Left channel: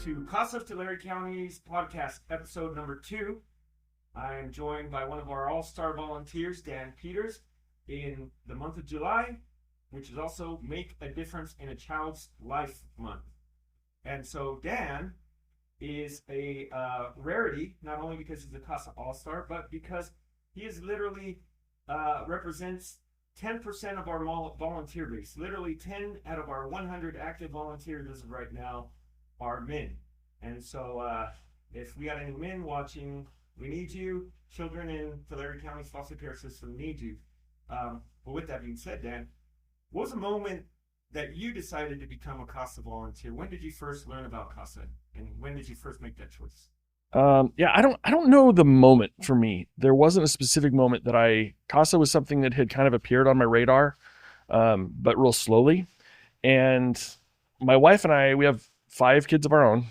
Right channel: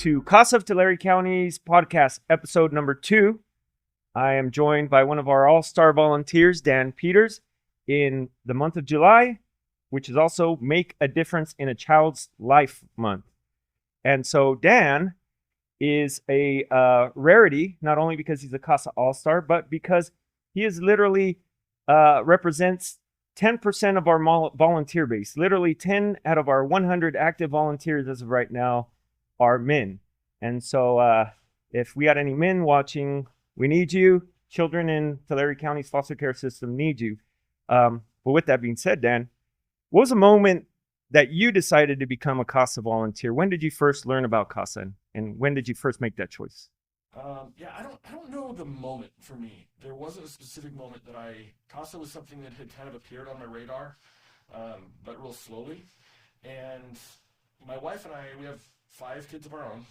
to CASA of Tulare County's podcast, episode number 2. I am joined by one of our all-star volunteers, Dan Peters, in the month of July, which is also Make a Difference in a Child's Life Month. And so Dan is a rarity, not only because he's a CASA all-star, but because he is literally represents 10% of our volunteer base. Literally 10 out of our 100 active volunteers as of right now are men. And so if we got any men watching, we need you. Children in Tulare County's foster care system need you. But with that being said, Dan, what was the moment that you decided to become a CASA volunteer? When did you first learn about CASA, and when did you first make that choice? I don't know the moment for me. There wasn't a specific moment that CASA was something that had kind of appeared on my radar, but real slowly. And my wife and I, we have 5 kids of our own.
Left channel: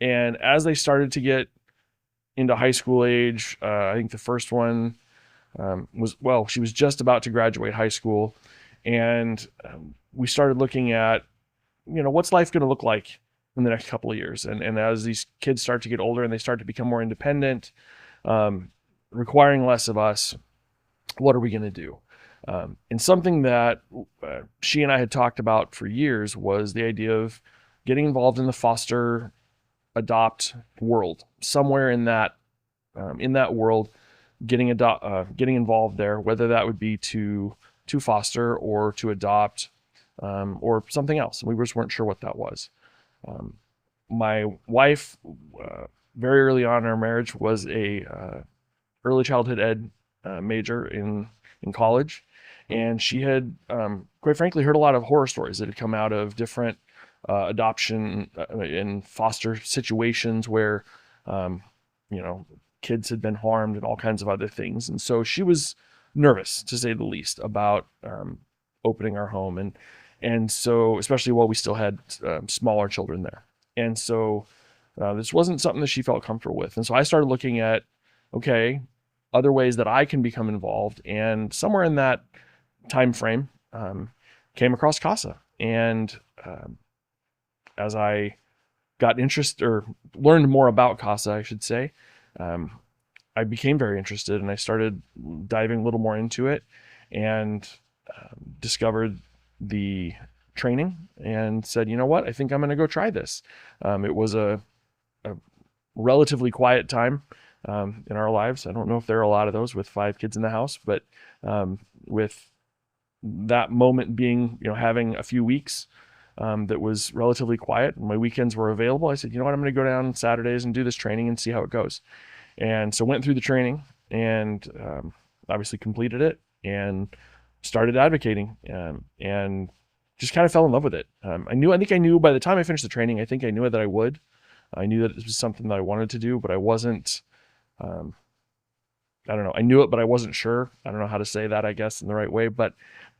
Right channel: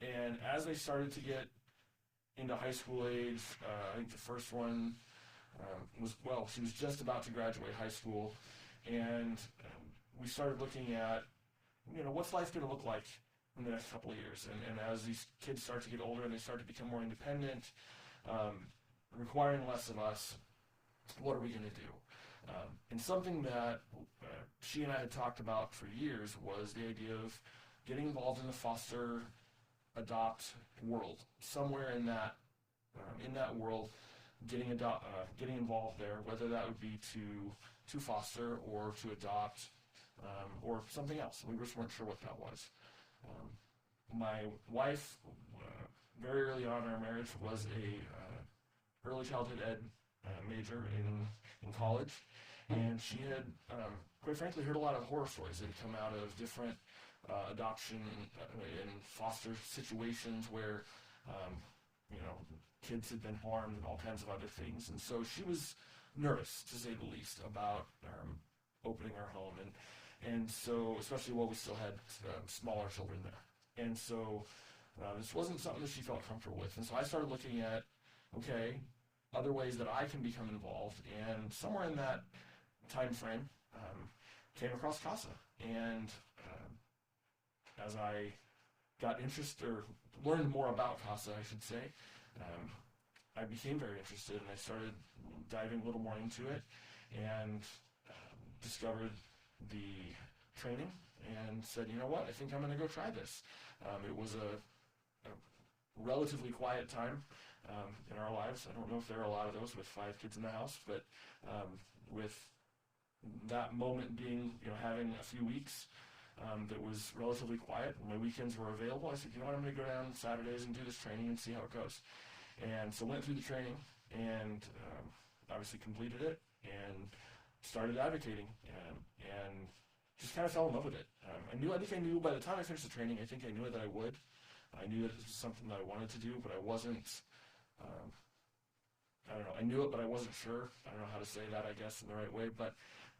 And as they started to get into high school age, I think the first one she was just about to graduate high school. And we started looking at, what's life going to look like in the next couple of years. And as these kids start to get older and they start to become more independent, requiring less of us, what are we going to do? And something that she and I had talked about for years was the idea of getting involved in the foster adopt world, somewhere in that world, getting involved there, whether that would be to foster or to adopt, or something else. We just weren't sure what that was. My wife, very early on in our marriage, was a early childhood ed major in college, and she had, quite frankly, heard a lot of horror stories that had come out of different adoption and foster situations where, kids had been harmed and all kinds of other things. And so she was nervous, to say the least, about opening our home. And so, especially while we still had smaller children there. And so this wasn't something that she felt comfortable with. And so I started looking at, other ways that I can become involved. And somewhere in that time frame, came across CASA. And as I got interested, or learned more about CASA, I should say, I became very interested, and I started diving a little more into it, and discovered the training and said, you know what, I think I'm going to go try this. It was a relatively quiet time in our lives. I don't know if there are a lot of those with 5 kids in the house, but with that moment being, having a few weeks that was relatively quiet, and my weekends were available, I said, you know what, I'm going to go down on Saturdays and do this training and see how it goes. And so went through the training and obviously completed it and started advocating, and just kind of fell in love with it. I think I knew by the time I finished the training, I think I knew that I would. I knew that it was something that I wanted to do, but I wasn't, I don't know. I knew it, but I wasn't sure. I don't know how to say that, I guess, in the right way. But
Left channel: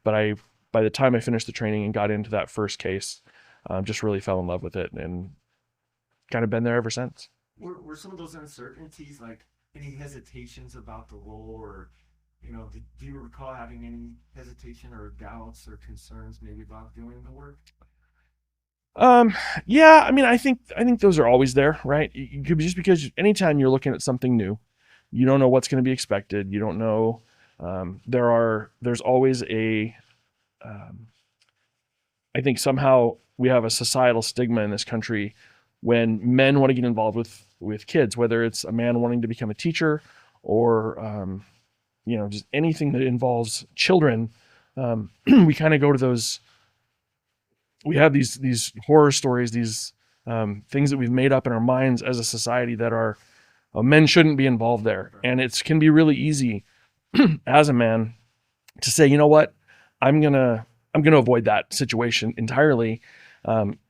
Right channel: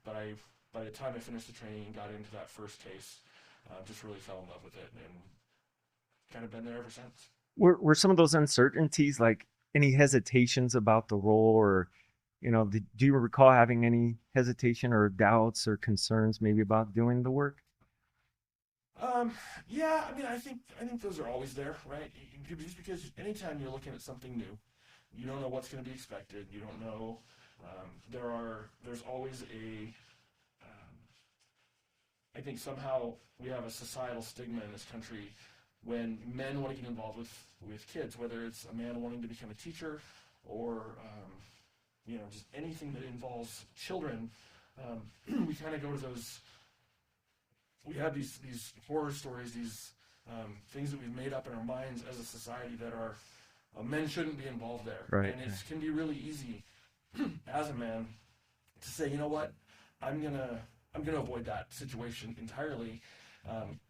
by the time I finished the training and got into that first case, just really fell in love with it and kind of been there ever since. Were some of those uncertainties, like any hesitations about the role, or do you recall having any hesitation or doubts or concerns maybe about doing the work? Yeah, I think those are always there, right? Just because anytime you're looking at something new, you don't know what's going to be expected. You don't know. There's always I think somehow we have a societal stigma in this country when men want to get involved with kids, whether it's a man wanting to become a teacher or, just anything that involves children. We kind of go to those, we have these horror stories, these things that we've made up in our minds as a society that are, men shouldn't be involved there. Right. And it can be really easy as a man to say, you know what, I'm going to avoid that situation entirely.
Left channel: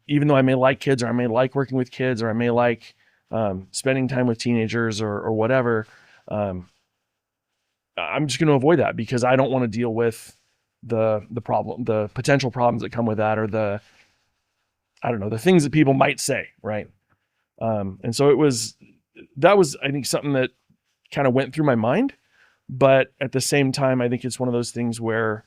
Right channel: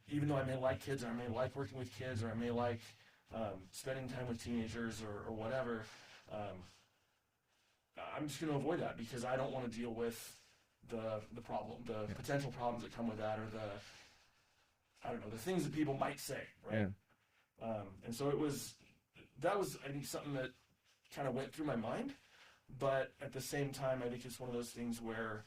Even though I may like kids, or I may like working with kids, or I may like spending time with teenagers or whatever, I'm just going to avoid that because I don't want to deal with the problem, the potential problems that come with that, or the things that people might say, right? And so that was, I think, something that kind of went through my mind, but at the same time, I think it's one of those things where,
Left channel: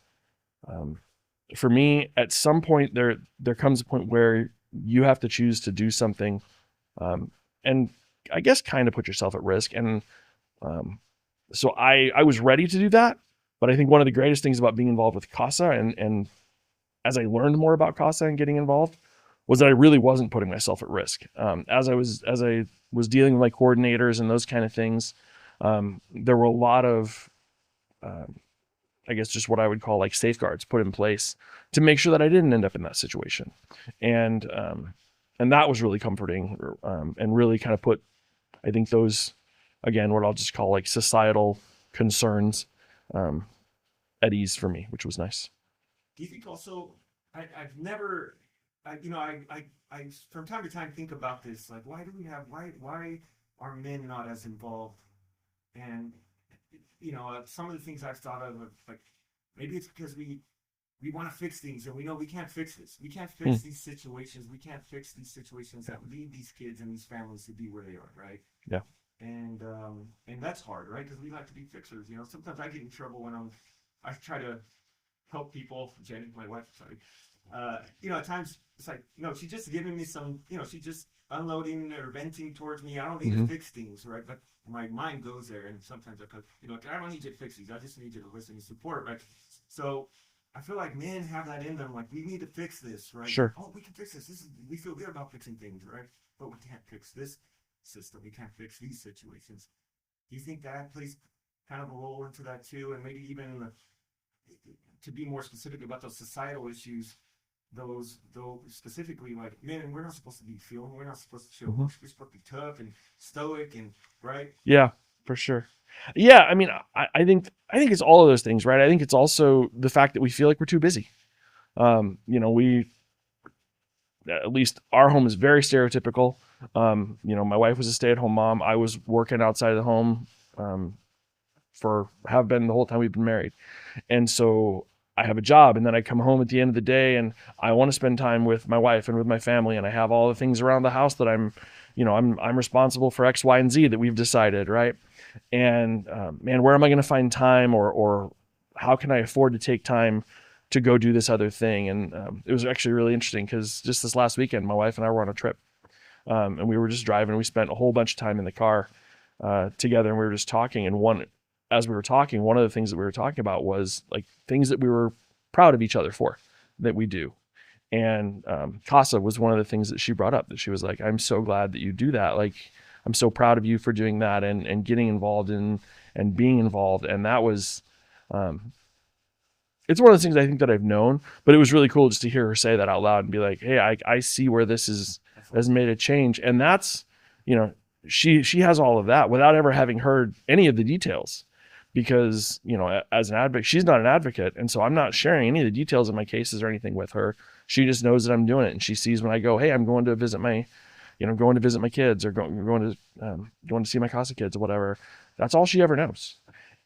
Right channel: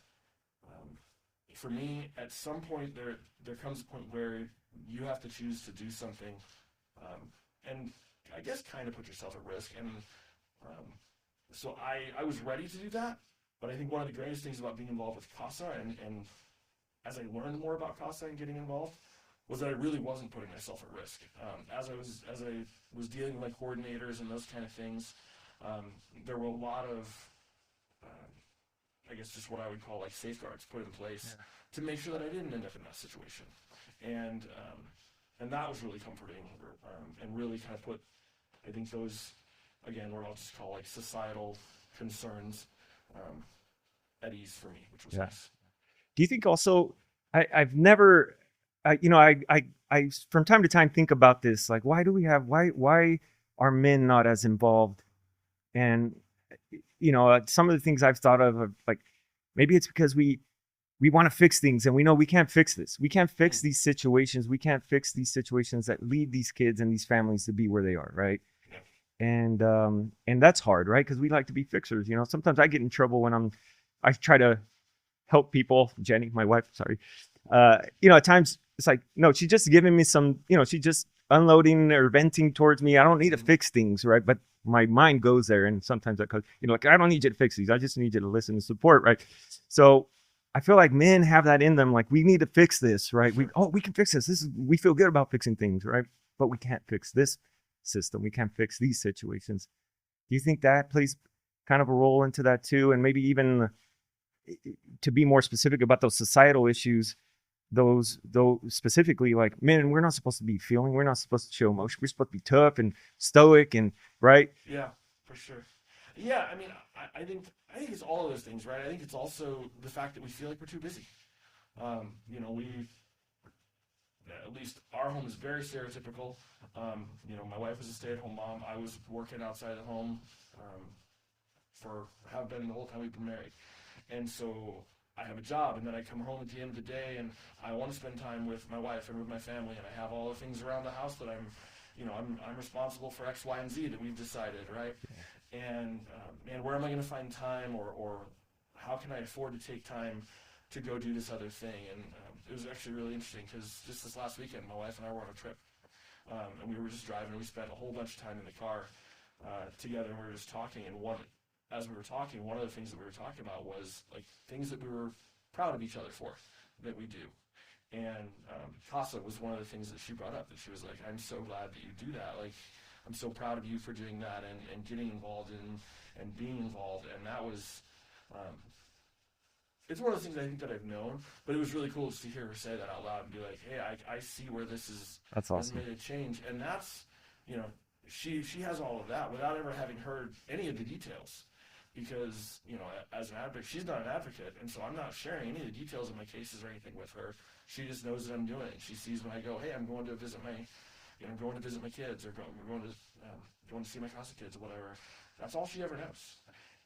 for me, at some point there comes a point where you have to choose to do something, and I guess kind of put yourself at risk. And so I was ready to do that. But I think one of the greatest things about being involved with CASA, and as I learned more about CASA and getting involved, was that I really wasn't putting myself at risk. As I was dealing with my coordinators and those kind of things, there were a lot of, I guess, just what I would call like safeguards put in place to make sure that I didn't end up in that situation. And that was really comforting, and really kind of put, I think, those, again, what I'll just call like societal concerns at ease for me, which was nice. Do you think also, I've never, I from time to time think about this, like, why are men not as involved? And, some of the things I've thought of, like, maybe it's because we want to fix things, and we know we can't fix this. We can't fix these situations. We can't fix these situations that lead these kids and these families to be where they are, right? Yeah. And that's hard, right? Because we like to be fixers. Sometimes I get in trouble when I try to help people. Jenny, my wife, sorry. At times it's like, no, she's just giving me some, she's just unloading or venting towards me. I don't need to fix things, right? But my mind goes there, and sometimes I goes, like, I don't need you to fix these. I just need you to listen and support, right? So I feel like men have that in them, like, we need to fix this, right? Sure. We can fix this. We feel good about fixing things, right? But we can't fix this system. We can't fix these situations. Do you think that plays kind of a role into that too? And maybe even to be more specific about those societal issues, those specifically, like, men, we're not supposed to be feeling, we're not supposed to show emotion. We're supposed to be tough and stoic, and right. Yeah, for sure. Yeah, I mean, I think it's all of those things, right? I think it's also the fact that we feel like we're too busy. We, at least our home is very stereotypical. My wife was a stay-at-home mom. I was working outside of the home, have been the whole time we've been married. And so I have a job, and then I come home at the end of the day, and I want to spend time with my wife and with my family, and I have all the things around the house that I'm responsible for X, Y, and Z that we've decided, right? And man, where am I going to find time, or how can I afford to take time to go do this other thing? And it was actually really interesting, because just this last weekend, my wife and I were on a trip, and we were just driving. We spent a whole bunch of time in the car together, and we were just talking. And as we were talking, one of the things that we were talking about was like things that we were proud of each other for that we do. And CASA was one of the things that she brought up, that she was like, I'm so glad that you do that. Like, I'm so proud of you for doing that and getting involved and being involved. And that was, it's one of those things I think that I've known, but it was really cool just to hear her say that out loud and be like, hey, I see where this has made a change. And that's, she has all of that without ever having heard any of the details. Because, as an advocate, she's not an advocate. And so I'm not sharing any of the details of my cases or anything with her. She just knows that I'm doing it. And she sees when I go, hey, I'm going to visit my kids, or going to see my CASA kids or whatever. That's all she ever knows.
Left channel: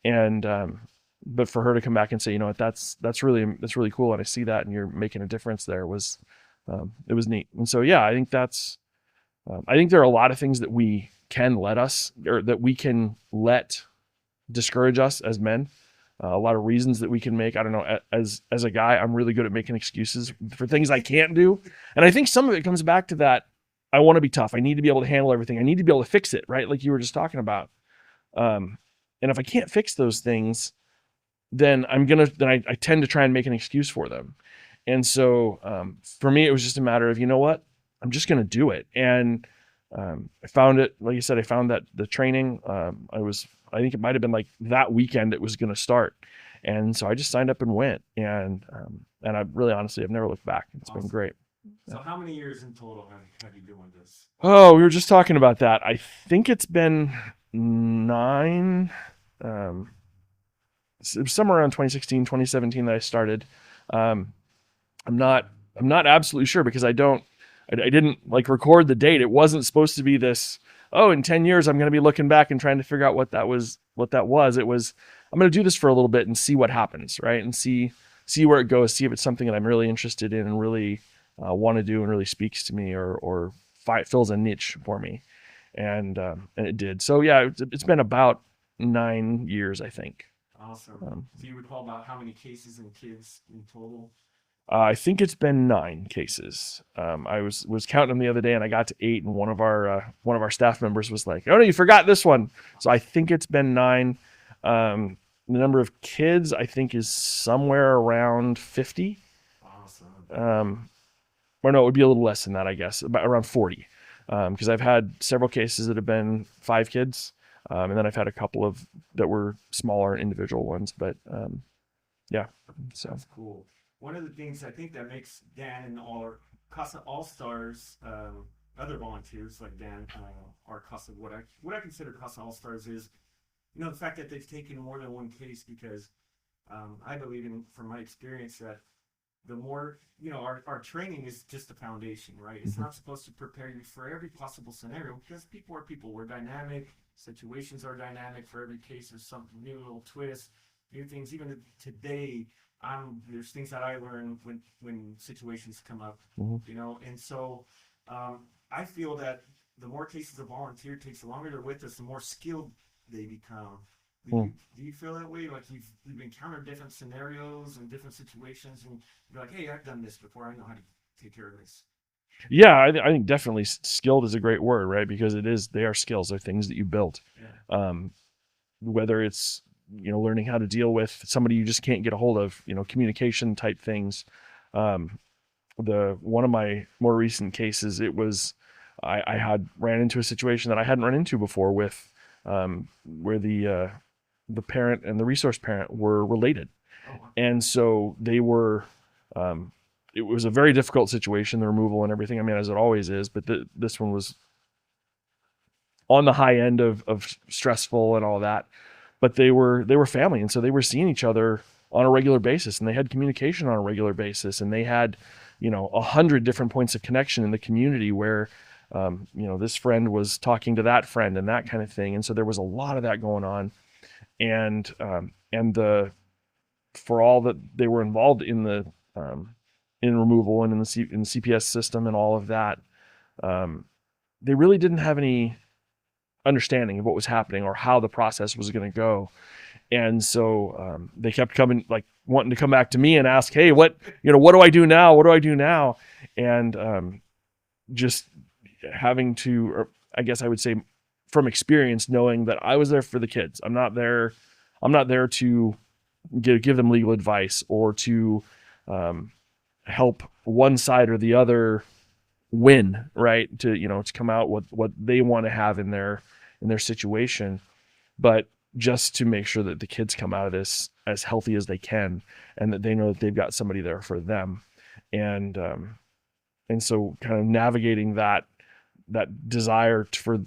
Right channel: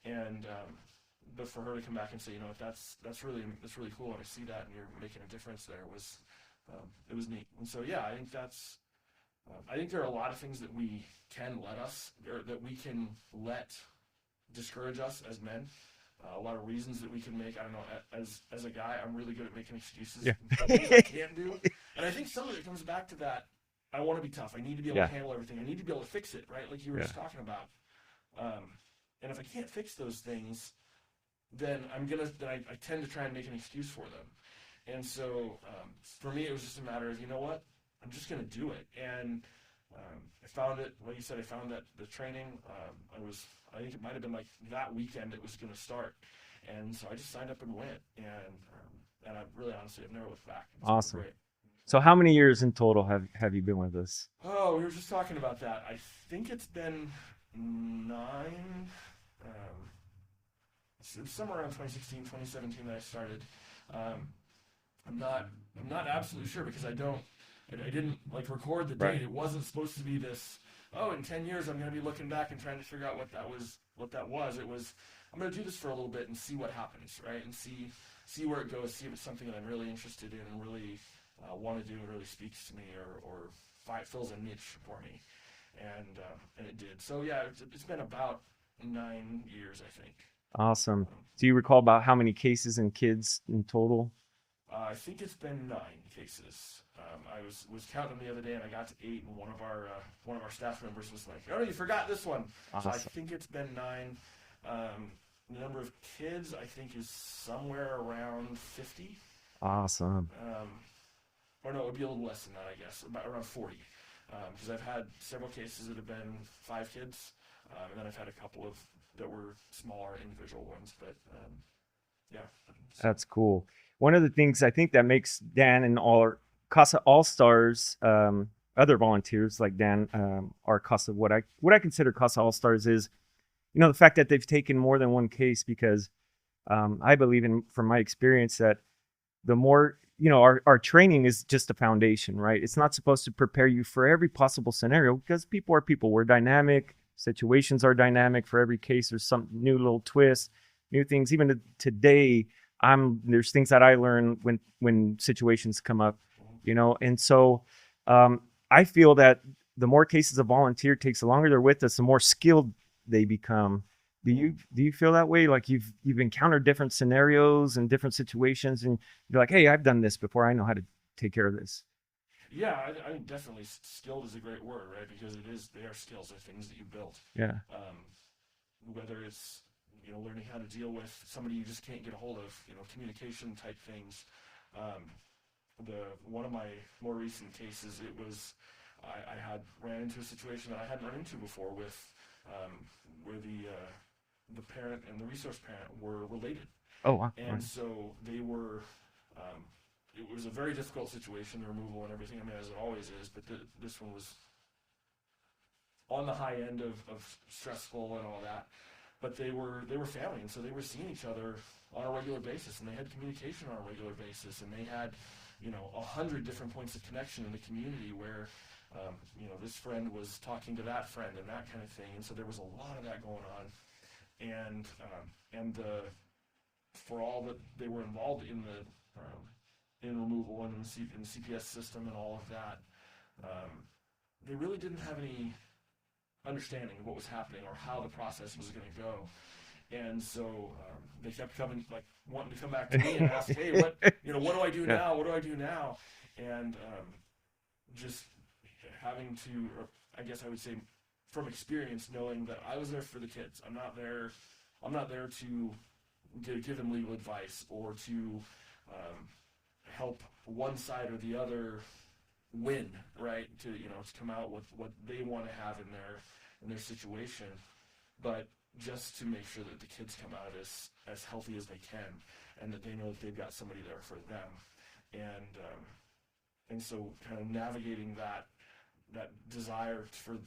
And, but for her to come back and say, that's really cool. And I see that, and you're making a difference there, it was neat. And so, yeah, I think I think there are a lot of things that we can let discourage us as men. A lot of reasons that we can make. I don't know, as a guy, I'm really good at making excuses for things I can't do. And I think some of it comes back to that. I want to be tough. I need to be able to handle everything. I need to be able to fix it, right? Like you were just talking about. And if I can't fix those things, then I tend to try and make an excuse for them. And so for me, it was just a matter of, I'm just going to do it. And I found it, like you said, I found that the training, I think it might've been like that weekend it was going to start. And so I just signed up and went, and I really, honestly, I've never looked back. It's been great. So how many years in total have you been with us? Oh, we were just talking about that. I think it's been 9, it was somewhere around 2016, 2017 that I started. I'm not absolutely sure, because I didn't like record the date. It wasn't supposed to be this, in 10 years, I'm going to be looking back and trying to figure out what that was. It was, I'm going to do this for a little bit and see what happens, right? And see where it goes, see if it's something that I'm really interested in and really want to do and really speaks to me, or fills a niche for me. And it did. So yeah, it's been about 9 years, I think. Awesome. Do you recall about how many cases and kids in total I think it's been 9 cases. I was counting them the other day, and I got to 8, and one of our staff members was like, "Oh no, you forgot this one." So I Awesome. think it's been 9. The number of kids I think is somewhere around 50. Awesome. Or no, it would be a little less than that, I guess, about around 40. Because I've had several cases that have been 5 kids, and then I've had a couple of that were smaller individual ones. But yeah, so. That's cool. One of the things I think that makes Dan and all our CASA All Stars, other volunteers like Dan, our CASA, what I consider CASA All Stars is, the fact that they've taken more than one case, because I believe in, from my experience, that the more, our training is just a foundation, right? It's not supposed to prepare you for every possible scenario, because people are people. We're dynamic. Situations are dynamic. For every case, there's some new little twist, new things. Even today, there's things that I learn when situations come up, and so I feel that the more cases a volunteer takes, the longer they're with us, the more skilled they become. Do you feel that way? Like you've encountered different scenarios and different situations, and you're like, hey, I've done this before. I know how to take care of this. Yeah, I think definitely skilled is a great word, right? Because they are skills. They're things that you built. Yeah. Whether it's, learning how to deal with somebody you just can't get a hold of, communication type things. One of my more recent cases, it was, I had ran into a situation that I hadn't run into before with, where the parent and the resource parent were related. Oh, wow. And so they were, it was a very difficult situation, the removal and everything. I mean, as it always is, but this one was on the high end of stressful and all that. But they were family, and so they were seeing each other on a regular basis, and they had communication on a regular basis, and they had, 100 different points of connection in the community where, this friend was talking to that friend and that kind of thing. And so there was a lot of that going on. And for all that they were involved in the in removal and in the CPS system and all of that, they really didn't have any understanding of what was happening or how the process was going to go. And so they kept coming, like wanting to come back to me and ask, hey, what do I do now? What do I do now? And just having to, or I guess I would say from experience, knowing that I was there for the kids. I'm not there to give them legal advice or to help one side or the other win, right? To come out with what they want to have in their situation, but just to make sure that the kids come out of this as healthy as they can, and that they know that they've got somebody there for them. And so kind of navigating that desire for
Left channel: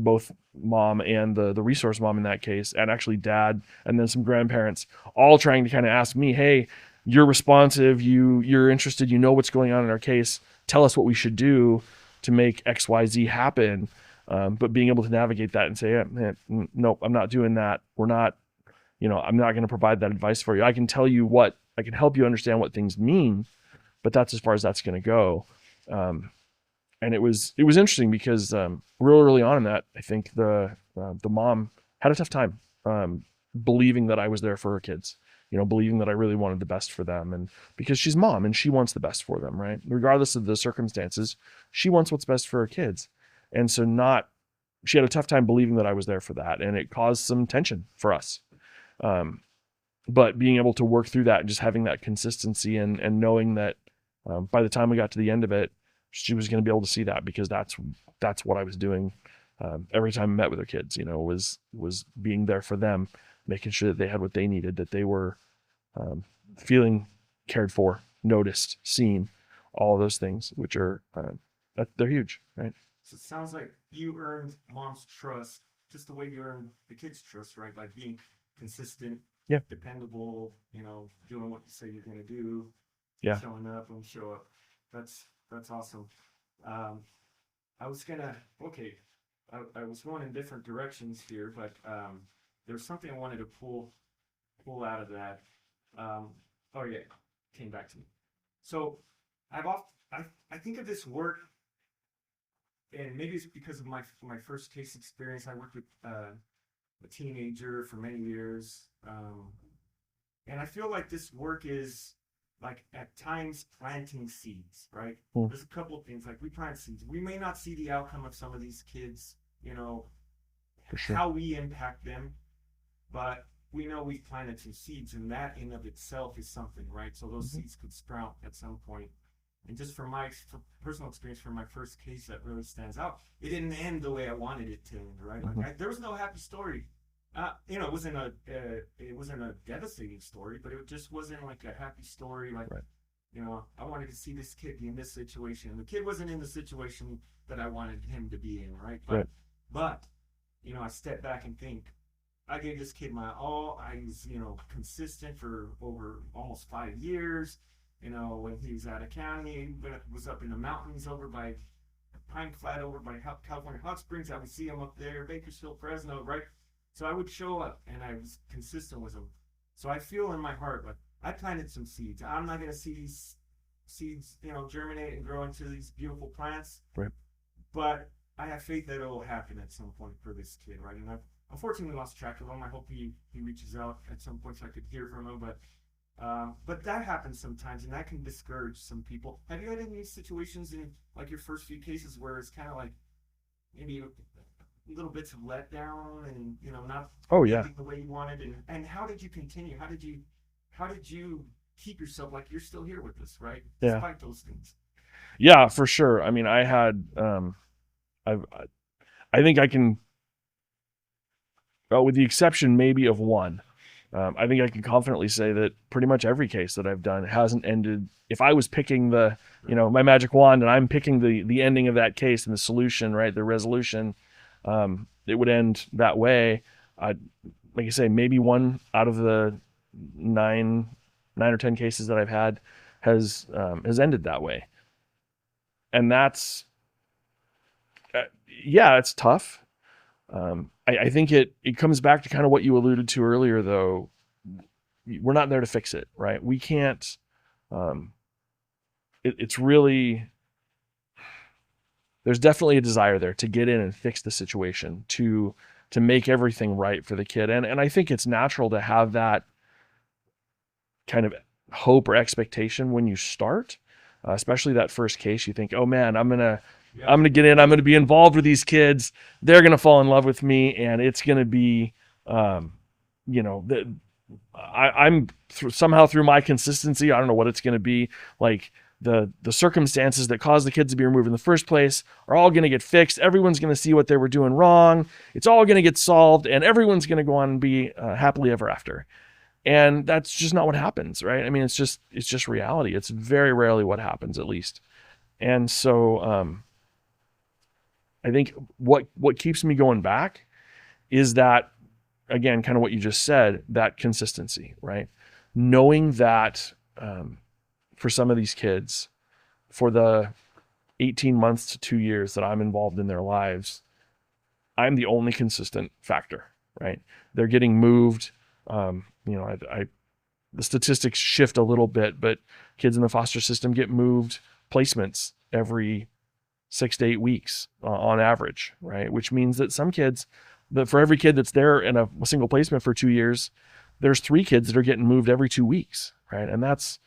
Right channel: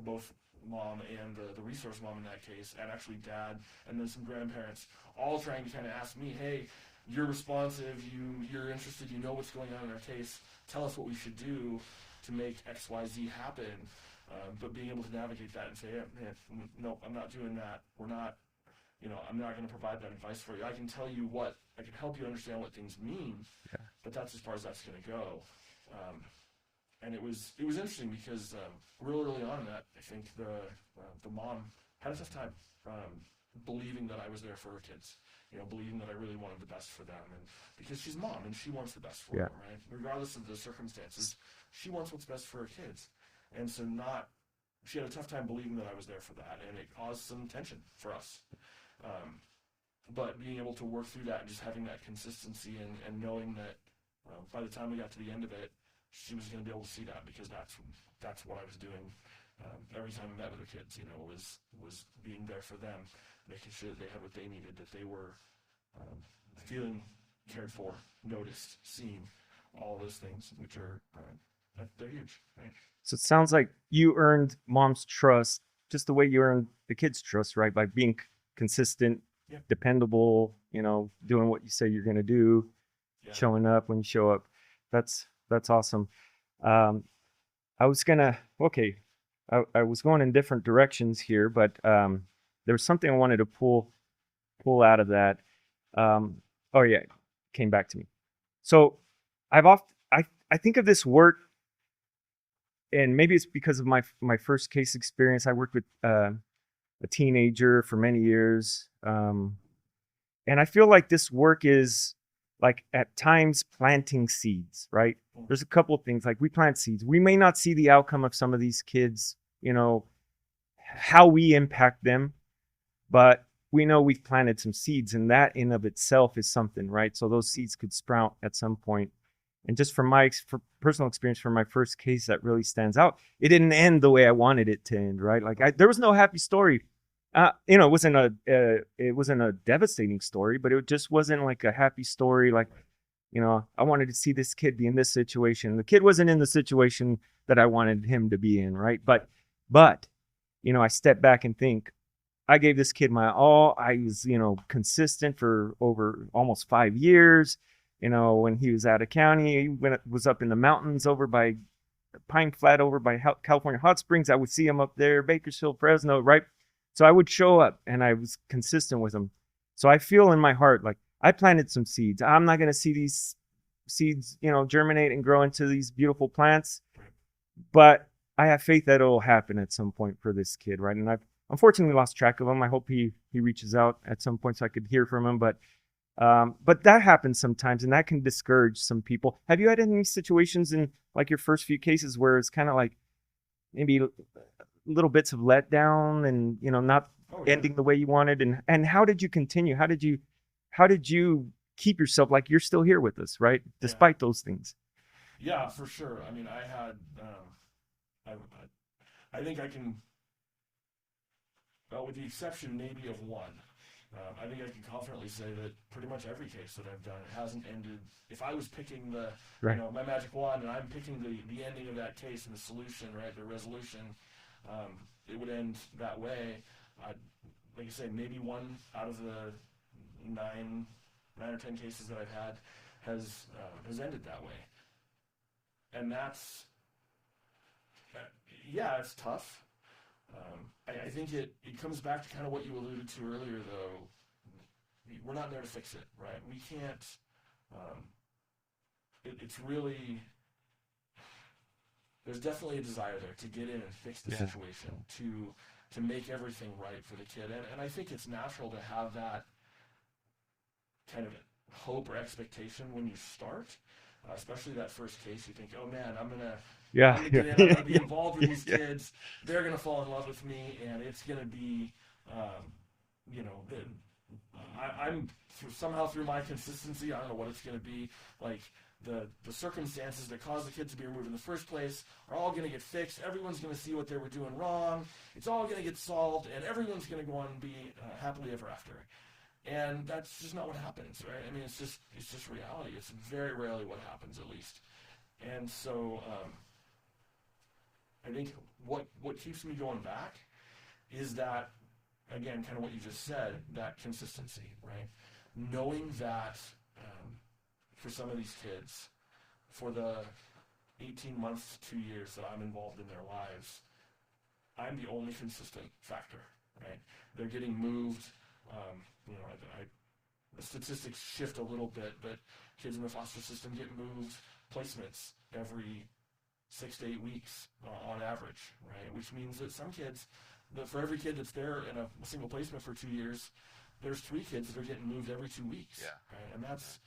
both mom and the resource mom in that case, and actually dad, and then some grandparents, all trying to kind of ask me, hey, you're responsive, you're interested, what's going on in our case, tell us what we should do to make XYZ happen. But being able to navigate that and say, yeah, man, nope, I'm not doing that. We're not, I'm not going to provide that advice for you. I can tell you I can help you understand what things mean, but that's as far as that's going to go. And it was interesting because real early on in that, I think the mom had a tough time believing that I was there for her kids, believing that I really wanted the best for them, and because she's mom and she wants the best for them, right? Regardless of the circumstances, she wants what's best for her kids, and so she had a tough time believing that I was there for that, and it caused some tension for us. But being able to work through that, and just having that consistency, and knowing that by the time we got to the end of it, she was going to be able to see that, because that's what I was doing every time I met with her kids, was being there for them, making sure that they had what they needed, that they were feeling cared for, noticed, seen, all of those things, which are they're huge, right? So it sounds like you earned mom's trust just the way you earned the kids' trust, right? By being consistent, dependable, doing what you say you're going to do, showing up when you show up. That's awesome. I was going in different directions here, but there was something I wanted to pull out of that. Oh yeah, it came back to me. So I think of this work, and maybe it's because of my first case experience. I worked with a teenager for many years, and I feel like this work is like at times planting seeds, right? Mm. There's a couple of things, like we plant seeds. We may not see the outcome of some of these kids, you know, For sure. how we impact them, but we know we've planted some seeds, and that in of itself is something, right? So those Mhm. seeds could sprout at some point. And just from my personal experience from my first case, that really stands out. It didn't end the way I wanted it to end, right? Like Mhm. there was no happy story. It wasn't a devastating story, but it just wasn't like a happy story. Like, Right. I wanted to see this kid be in this situation. The kid wasn't in the situation that I wanted him to be in, right? Right. But I step back and think, I gave this kid my all. I was, consistent for over almost 5 years. When he was out of county, when it was up in the mountains over by Pine Flat, over by California Hot Springs, I would see him up there, Bakersfield, Fresno, right? So I would show up and I was consistent with him. So I feel in my heart like I planted some seeds. I'm not going to see these seeds, germinate and grow into these beautiful plants, Right. but I have faith that it'll happen at some point for this kid, right? And I've unfortunately lost track of him. I hope he reaches out at some point so I could hear from him. But that happens sometimes, and that can discourage some people. Have you had any situations in like your first few cases where it's kind of like maybe little bits of letdown and not Oh yeah. ending the way you wanted? And how did you continue? How did you keep yourself like you're still here with us, right? Yeah. Despite those things. Yeah, for sure. I mean, I had, I think I can, well, with the exception maybe of one, I think I can confidently say that pretty much every case that I've done hasn't ended. If I was picking Right. my magic wand and I'm picking the ending of that case and the solution, right, the resolution, it would end that way. Like I say, maybe one out of the nine or 10 cases that I've had has ended that way. And that's, yeah, it's tough. I think it comes back to kind of what you alluded to earlier, though. We're not there to fix it, right? We can't. It's really, there's definitely a desire there to get in and fix the situation, to make everything right for the kid, and I think it's natural to have that kind of hope or expectation when you start, especially that first case. You think, oh man, I'm gonna get in. I'm gonna be involved with these kids. They're gonna fall in love with me, and it's gonna be, I'm somehow through my consistency. I don't know what it's gonna be like. The circumstances that caused the kids to be removed in the first place are all going to get fixed. Everyone's going to see what they were doing wrong. It's all going to get solved, and everyone's going to go on and be happily ever after. And that's just not what happens, right? I mean, it's just reality. It's very rarely what happens, at least. And so I think what keeps me going back is that, again, kind of what you just said, that consistency, right? Knowing that for some of these kids, for the 18 months to 2 years that I'm involved in their lives, I'm the only consistent factor, right? They're getting moved. The statistics shift a little bit, but kids in the foster system get moved placements every 6 to 8 weeks on average, right? Which means that some kids, for every kid that's there in a single placement for 2 years, there's 3 kids that are getting moved every 2 weeks, right? And that's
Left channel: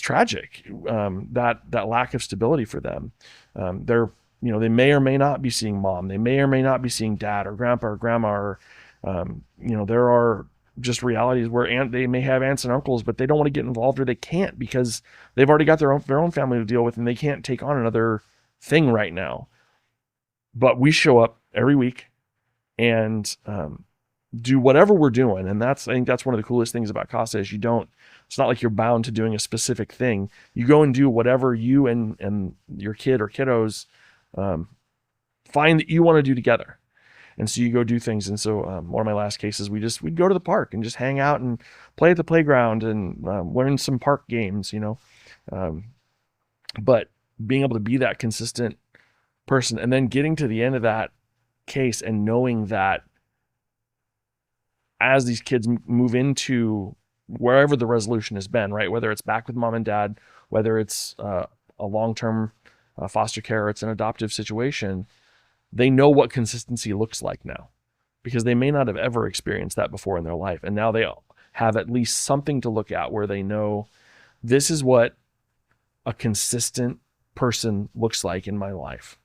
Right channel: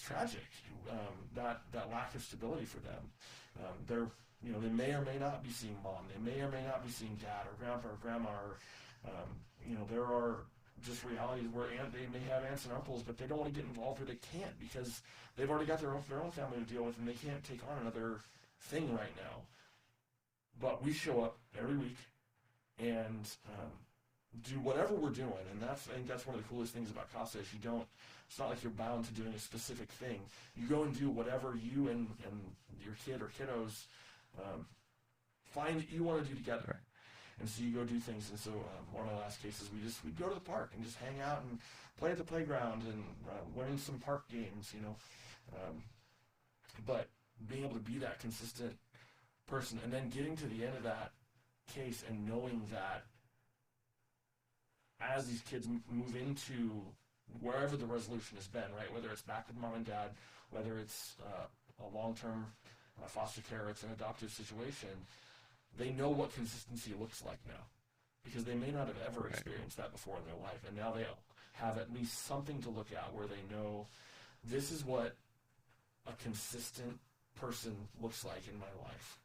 tragic. That lack of stability for them. They may or may not be seeing mom. They may or may not be seeing dad or grandpa or grandma. Or there are just realities where they may have aunts and uncles, but they don't want to get involved, or they can't because they've already got their own family to deal with, and they can't take on another thing right now. But we show up every week and do whatever we're doing, and I think that's one of the coolest things about CASA is it's not like you're bound to doing a specific thing. You go and do whatever you and your kid or kiddos find that you want to do together. And so you go do things. And so one of my last cases, we'd go to the park and just hang out and play at the playground and learn some park games, but being able to be that consistent person, and then getting to the end of that case and knowing that as these kids move into wherever the resolution has been, right? Whether it's back with mom and dad, whether it's a long-term foster care, or it's an adoptive situation, they know what consistency looks like now, because they may not have ever experienced that before in their life. And now they have at least something to look at where they know this is what a consistent person looks like in my life.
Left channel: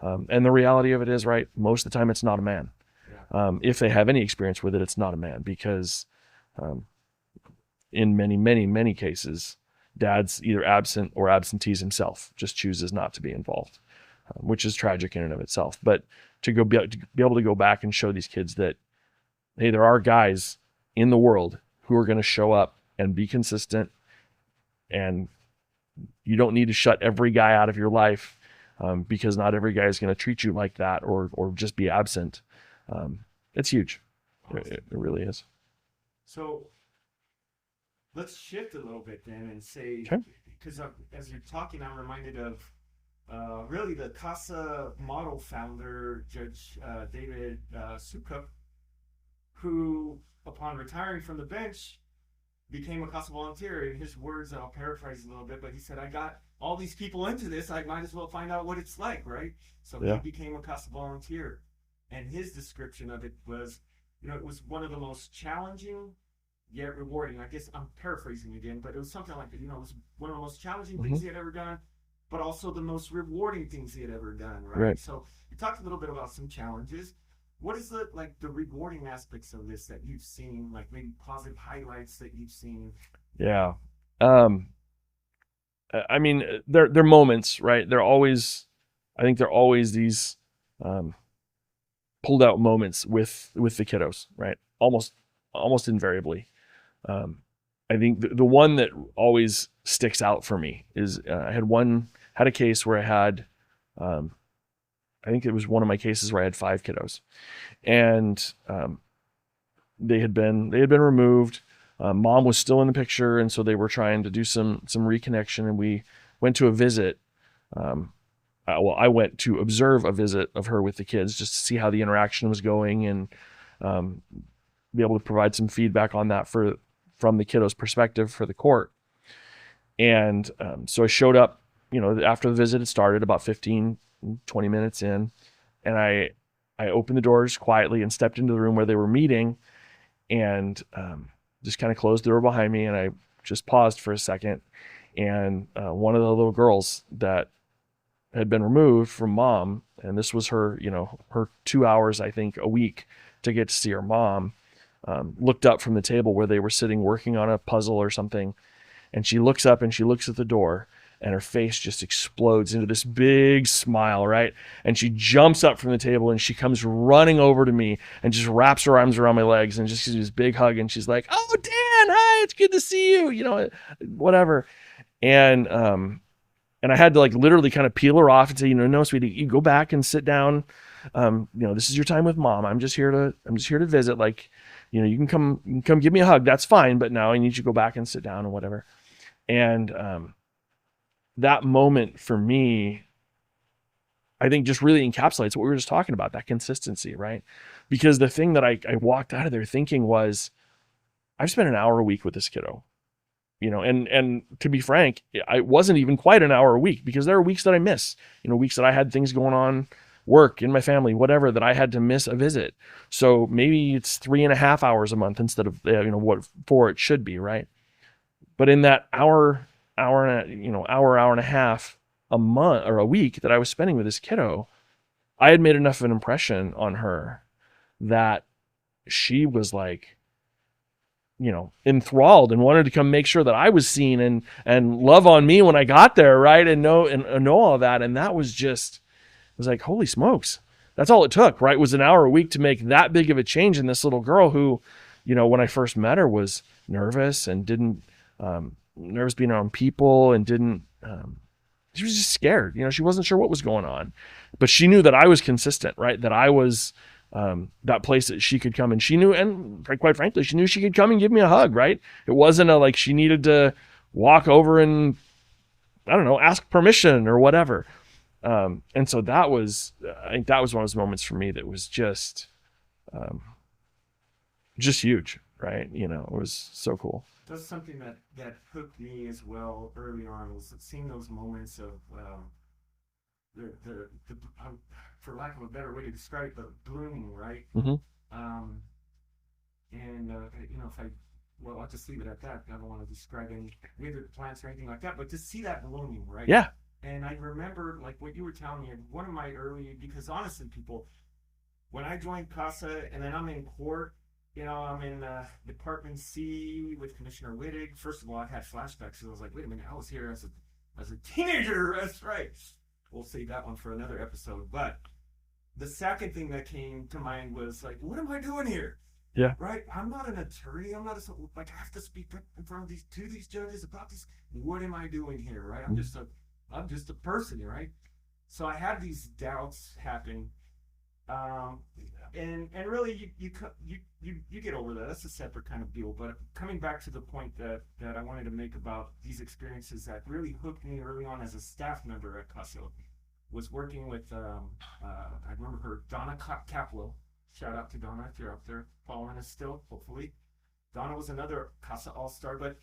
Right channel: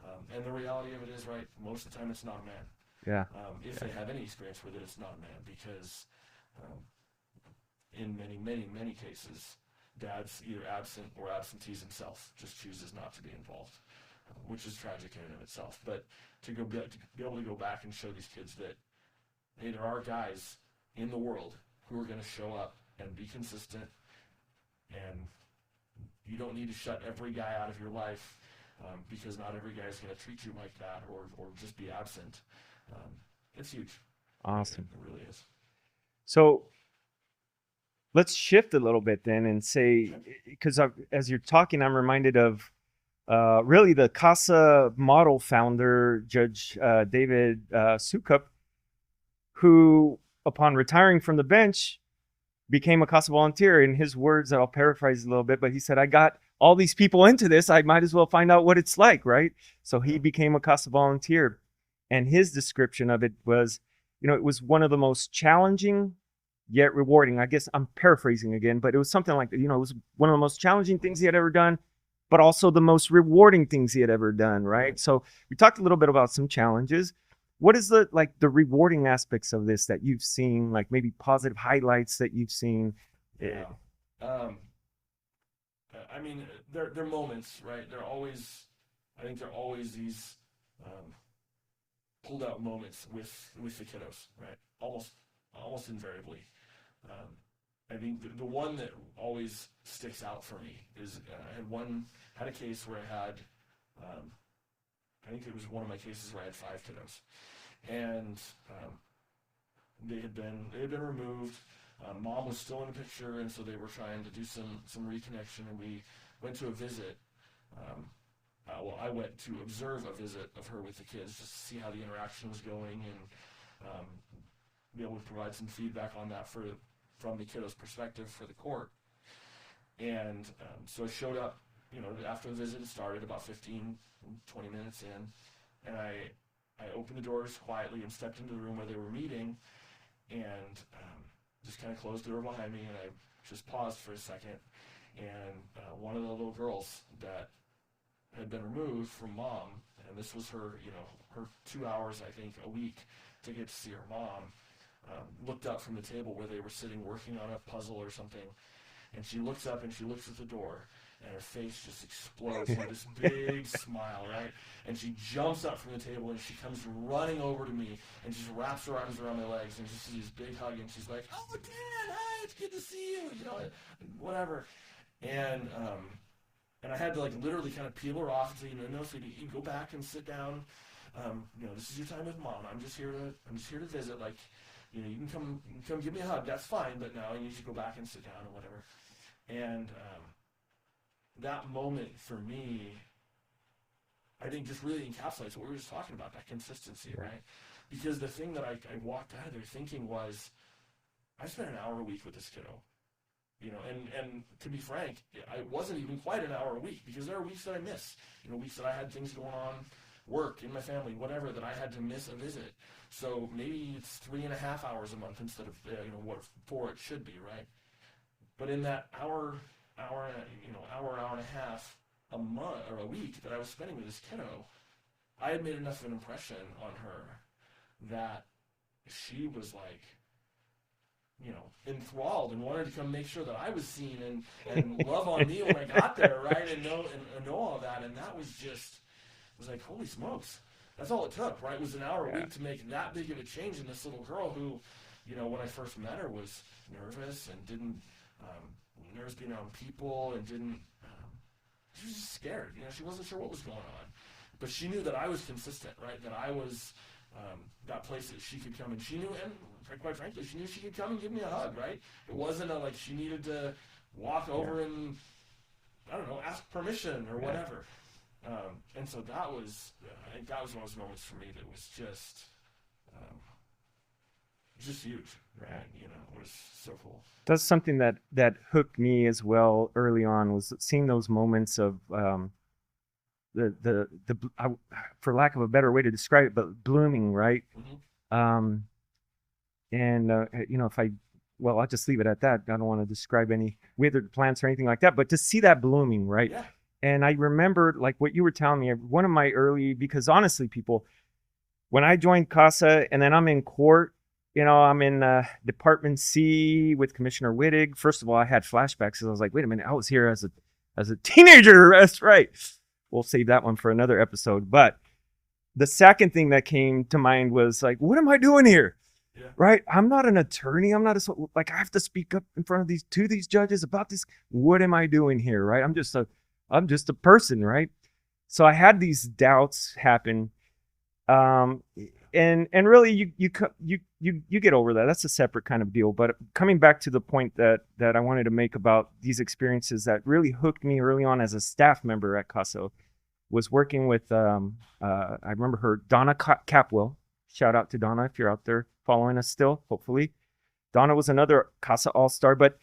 And the reality of it is, right, most of the time it's not a man. Yeah. If they have any experience with it, it's not a man, because in many, many, many cases, dad's either absent or absentees himself, just chooses not to be involved, which is tragic in and of itself. But to be able to go back and show these kids that, hey, there are guys in the world who are going to show up and be consistent, and you don't need to shut every guy out of your life, because not every guy is going to treat you like that or just be absent. It's huge. Awesome. It really is. So let's shift a little bit then and say, Sure. because as you're talking, I'm reminded of really the CASA model founder, Judge David Sukup, who, upon retiring from the bench, became a CASA volunteer. In his words, I'll paraphrase a little bit, but he said, I got all these people into this, I might as well find out what it's like, right? So he became a CASA volunteer. And his description of it was, it was one of the most challenging yet rewarding. I guess I'm paraphrasing again, but it was something like, it was one of the most challenging things he had ever done, but also the most rewarding things he had ever done, right? So we talked a little bit about some challenges. What is the rewarding aspects of this that you've seen, like maybe positive highlights that you've seen? Yeah. I mean, they're moments, right? I think they're always these pulled out moments with the kiddos, right? Almost invariably. I think the one that always sticks out for me is I had a case where I had, I think it was one of my cases where I had 5 kiddos, and they had been removed. Mom was still in the picture, and so they were trying to do some reconnection, and we went to a visit. I went to observe a visit of her with the kids just to see how the interaction was going, and be able to provide some feedback on that from the kiddos' perspective for the court. And so I showed up, after the visit had started, about 15, 20 minutes in, and I opened the doors quietly and stepped into the room where they were meeting, and just kind of closed the door behind me, and I just paused for a second, and one of the little girls that had been removed from mom, and this was her, her 2 hours, I think, a week to get to see her mom, looked up from the table where they were sitting working on a puzzle or something, and she looks up and she looks at the door, and her face just explodes into this big smile, right? And she jumps up from the table and she comes running over to me and just wraps her arms around my legs and just gives this big hug, and she's like, "Oh, Dan, hi, it's good to see you," whatever. And I had to literally kind of peel her off and say, "No, sweetie, you go back and sit down. This is your time with mom. I'm just here to visit. You can come give me a hug. That's fine. But now I need you to go back and sit down," or whatever. And that moment for me, I think, just really encapsulates what we were just talking about, that consistency, right? Because the thing that I walked out of there thinking was, I've spent an hour a week with this kiddo, and to be frank, I wasn't even quite an hour a week, because there are weeks that I miss, weeks that I had things going on, work, in my family, whatever, that I had to miss a visit. So maybe it's 3.5 hours a month instead of, what 4 it should be, right? But in that hour and a half a month or a week that I was spending with this kiddo, I had made enough of an impression on her that she was enthralled and wanted to come make sure that I was seen and love on me when I got there, right? And know all that. And that was just, it was like, holy smokes, that's all it took, right? Was an hour a week to make that big of a change in this little girl who, when I first met her, was nervous and didn't, nervous being around people, and didn't, she was just scared. She wasn't sure what was going on, but she knew that I was consistent, right? That I was that place that she could come, and she knew, and quite frankly, she knew she could come and give me a hug, right? It wasn't she needed to walk over and, I don't know, ask permission or whatever. And so I think that was one of those moments for me that was just huge, right? It was so cool. That's something that hooked me as well early on, was seeing those moments of for lack of a better way to describe it, but blooming, right? Mm-hmm. And if I well, I'll just leave it at that. I don't want to describe any withered plants or anything like that, but to see that blooming, right? Yeah. And I remember like what you were telling me, one of my early, because honestly, people, when I joined CASA and then I'm in court, I'm in Department C with Commissioner Wittig. First of all, I had flashbacks because I was like, wait a minute, I was here as a teenager. That's right. We'll save that one for another episode. But the second thing that came to mind was like, what am I doing here? Yeah. Right. I'm not an attorney. I'm not I have to speak up in front of these judges about this. What am I doing here? Right. I'm just a person. Right. So I had these doubts happen. And really you get over that. That's a separate kind of deal. But coming back to the point that I wanted to make about these experiences that really hooked me early on as a staff member at CASA was working with, I remember her, Donna Capwell. Shout out to Donna if you're out there following us still, hopefully. Donna was another CASA All-Star, but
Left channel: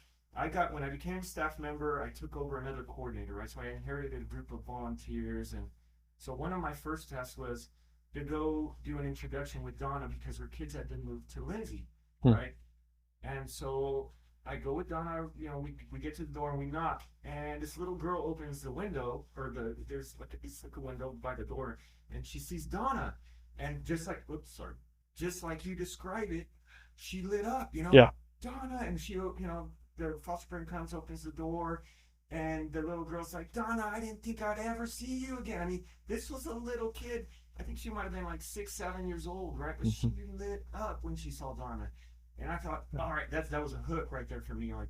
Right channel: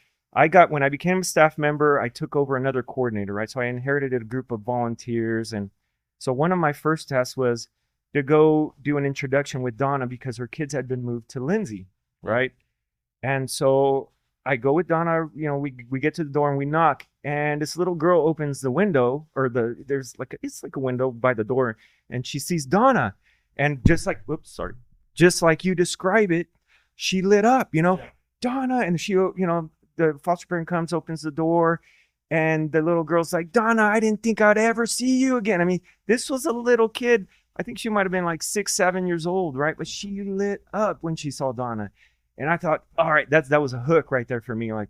when I became a staff member, I took over another coordinator, right? So I inherited a group of volunteers. And so one of my first tasks was to go do an introduction with Donna because her kids had been moved to Lindsay, right? And so I go with Donna, we get to the door and we knock, and this little girl opens the window, or it's like a window by the door, and she sees Donna. And just like you describe it, she lit up, Yeah. Donna, and she, the foster parent comes, opens the door, and the little girl's like, Donna, I didn't think I'd ever see you again. I mean, this was a little kid. I think she might have been like 6, 7 years old, right? But she lit up when she saw Donna. And I thought, all right, that was a hook right there for me. Like,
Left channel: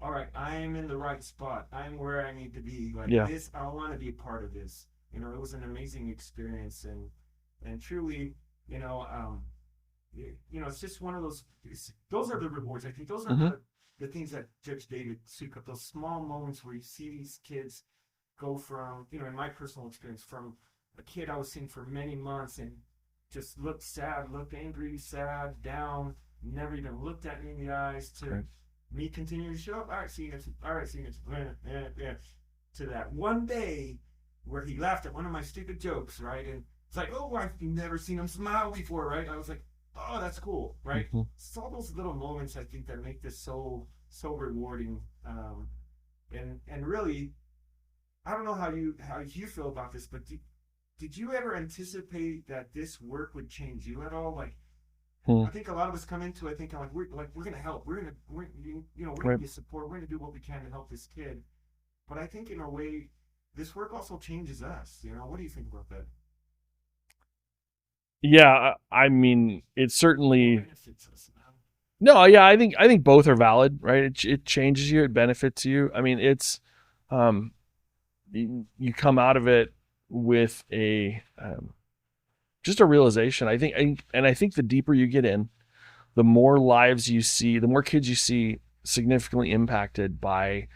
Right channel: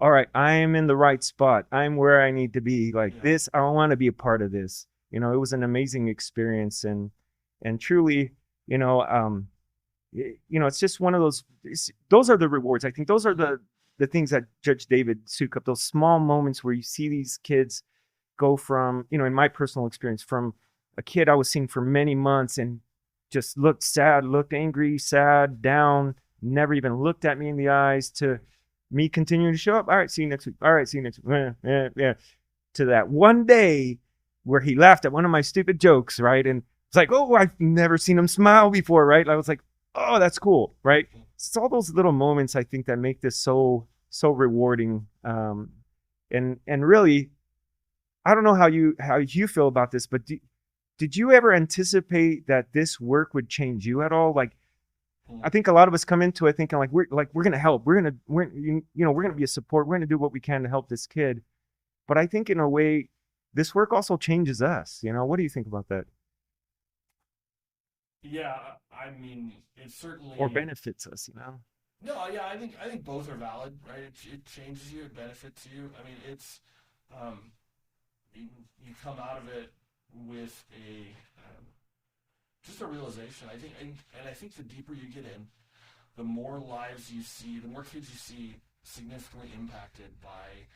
all right, I am in the right spot. I'm where I need to be. Like this, I want to be a part of this. It was an amazing experience. And truly, it's just one of those are the rewards. I think those are the things that Judge David Sukup, those small moments where you see these kids go from, in my personal experience, from a kid I was seeing for many months and just looked sad, looked angry, sad, down, never even looked at me in the eyes, to me continuing to show up. All right, see you next week. All right, see you next week. Yeah. To that one day where he laughed at one of my stupid jokes, right? And it's like, oh, I've never seen him smile before, right? I was like, oh, that's cool, right? It's all those little moments, I think, that make this so rewarding. And really, I don't know how you feel about this, but did you ever anticipate that this work would change you at all? Like, I think a lot of us come into it thinking we're gonna help, we're gonna be a support, we're gonna do what we can to help this kid. But I think in a way, this work also changes us. What do you think about that? Yeah, I mean, it certainly or benefits us. No, yeah, I think both are valid, right? It changes you, it benefits you. I mean, it's you come out of it with just a realization. I think the deeper you get in, the more lives you see, the more kids you see significantly impacted by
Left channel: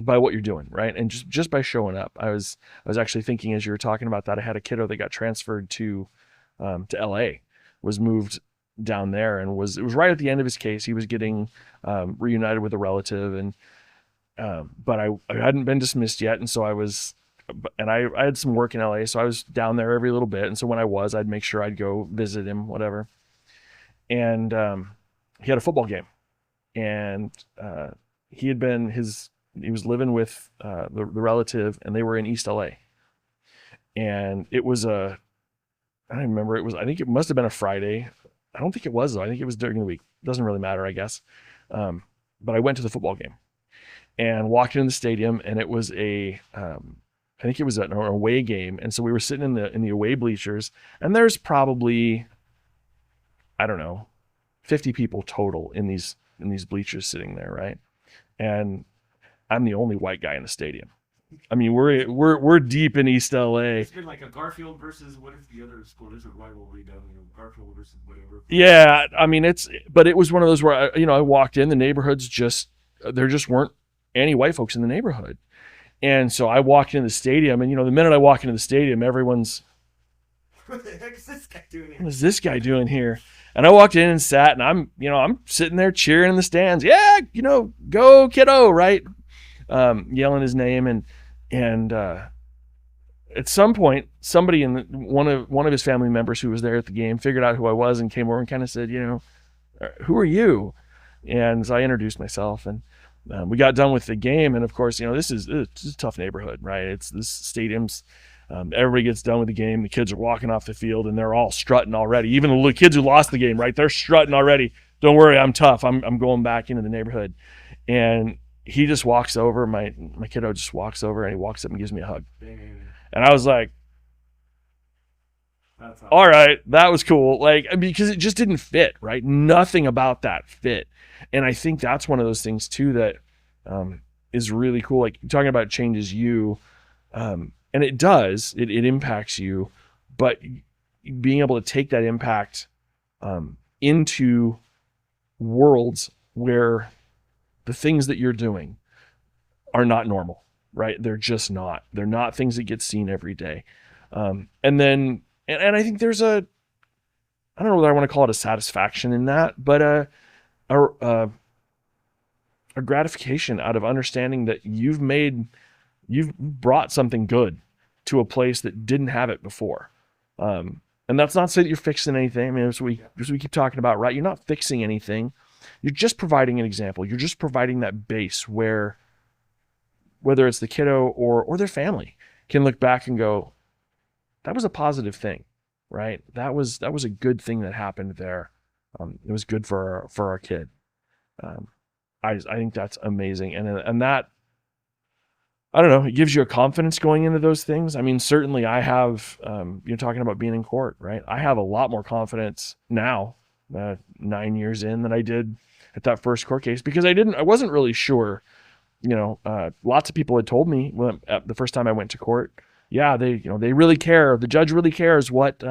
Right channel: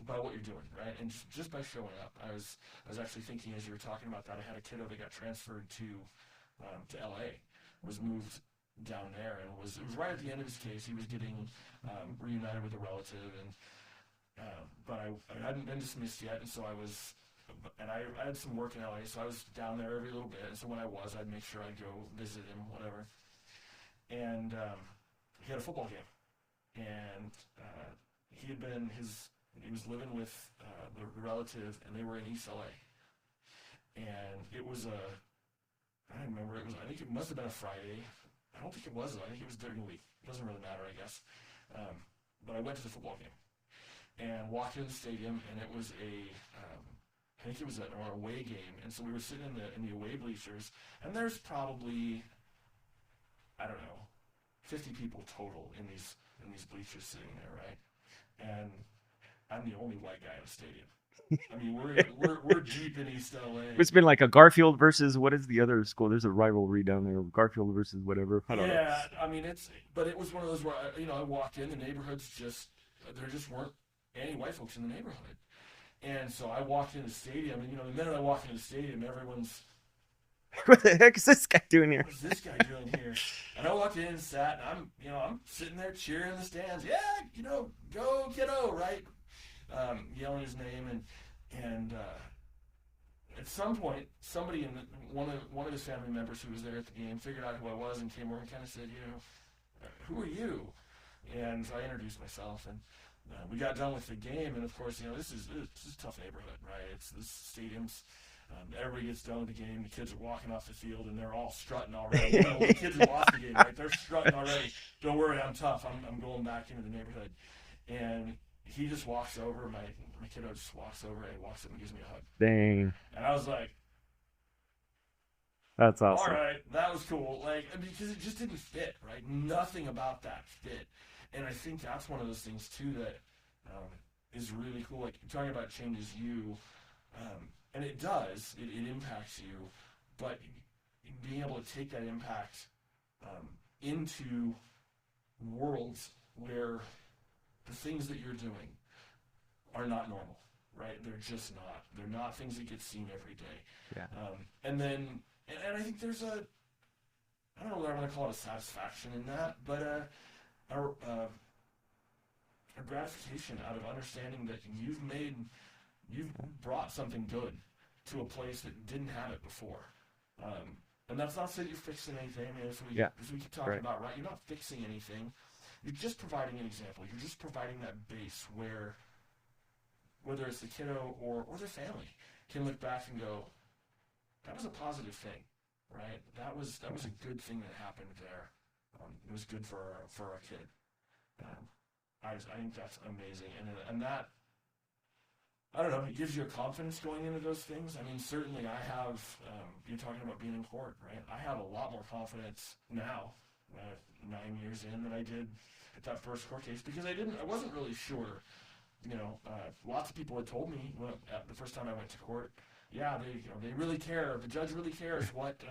what you're doing, right? And just by showing up. I was actually thinking, as you were talking about that, I had a kiddo that got transferred to LA, was moved down there, and it was right at the end of his case. He was getting reunited with a relative, and but I hadn't been dismissed yet, and so I had some work in LA, so I was down there every little bit. And so when I'd make sure I'd go visit him, whatever. And he had a football game, and he was living with the relative, and they were in East LA. And it was I don't remember. I think it must have been a Friday. I don't think it was though. I think it was during the week. Doesn't really matter, I guess. But I went to the football game and walked into the stadium, and it was I think it was an away game. And so we were sitting in the away bleachers, and there's probably, I don't know, 50 people total in these bleachers sitting there, right? And I'm the only white guy in the stadium. I mean, we're deep in East LA. It's been like a Garfield versus, what is the other school? There's a rivalry down there, Garfield versus whatever. Yeah, I mean, but it was one of those where I walked in, the neighborhood's there just weren't any white folks in the neighborhood. And so I walked into the stadium, and the minute I walk into the stadium, everyone's, what the heck is this guy doing here? What is this guy doing here? And I walked in and sat, and I'm sitting there cheering in the stands. Yeah, go kiddo, right? Yelling his name, and at some point, somebody one of his family members who was there at the game figured out who I was and came over and kind of said, who are you? And so I introduced myself, and we got done with the game. And of course, this is a tough neighborhood, right? It's this stadium's, everybody gets done with the game. The kids are walking off the field and they're all strutting already. Even the little kids who lost the game, right? They're strutting already. Don't worry, I'm tough. I'm going back into the neighborhood. And he just walks over, my kiddo just walks over, and he walks up and gives me a hug. Dang. And I was like, that's awesome. All right, that was cool. Like, because it just didn't fit, right? Nothing about that fit. And I think that's one of those things too that is really cool. Like, talking about changes you, and it does, it impacts you, but being able to take that impact into worlds where the things that you're doing are not normal, right? They're just not. They're not things that get seen every day. Yeah. And then, and I think there's I don't know whether I want to call it a satisfaction in that, but a gratification out of understanding that you've brought something good to a place that didn't have it before. And that's not to say that you're fixing anything. I mean, as we keep talking about, right? You're not fixing anything. You're just providing an example. You're just providing that base where, whether it's the kiddo or their family, can look back and go, that was a positive thing, right? That was a good thing that happened there. It was good for our kid. I think that's amazing, and that, I don't know, it gives you a confidence going into those things. I mean, certainly I have. You're talking about being in court, right? I have a lot more confidence now, 9 years in, than I did at that first court case, because I wasn't really sure. Lots of people had told me the first time I went to court, yeah, they really care. The judge really cares what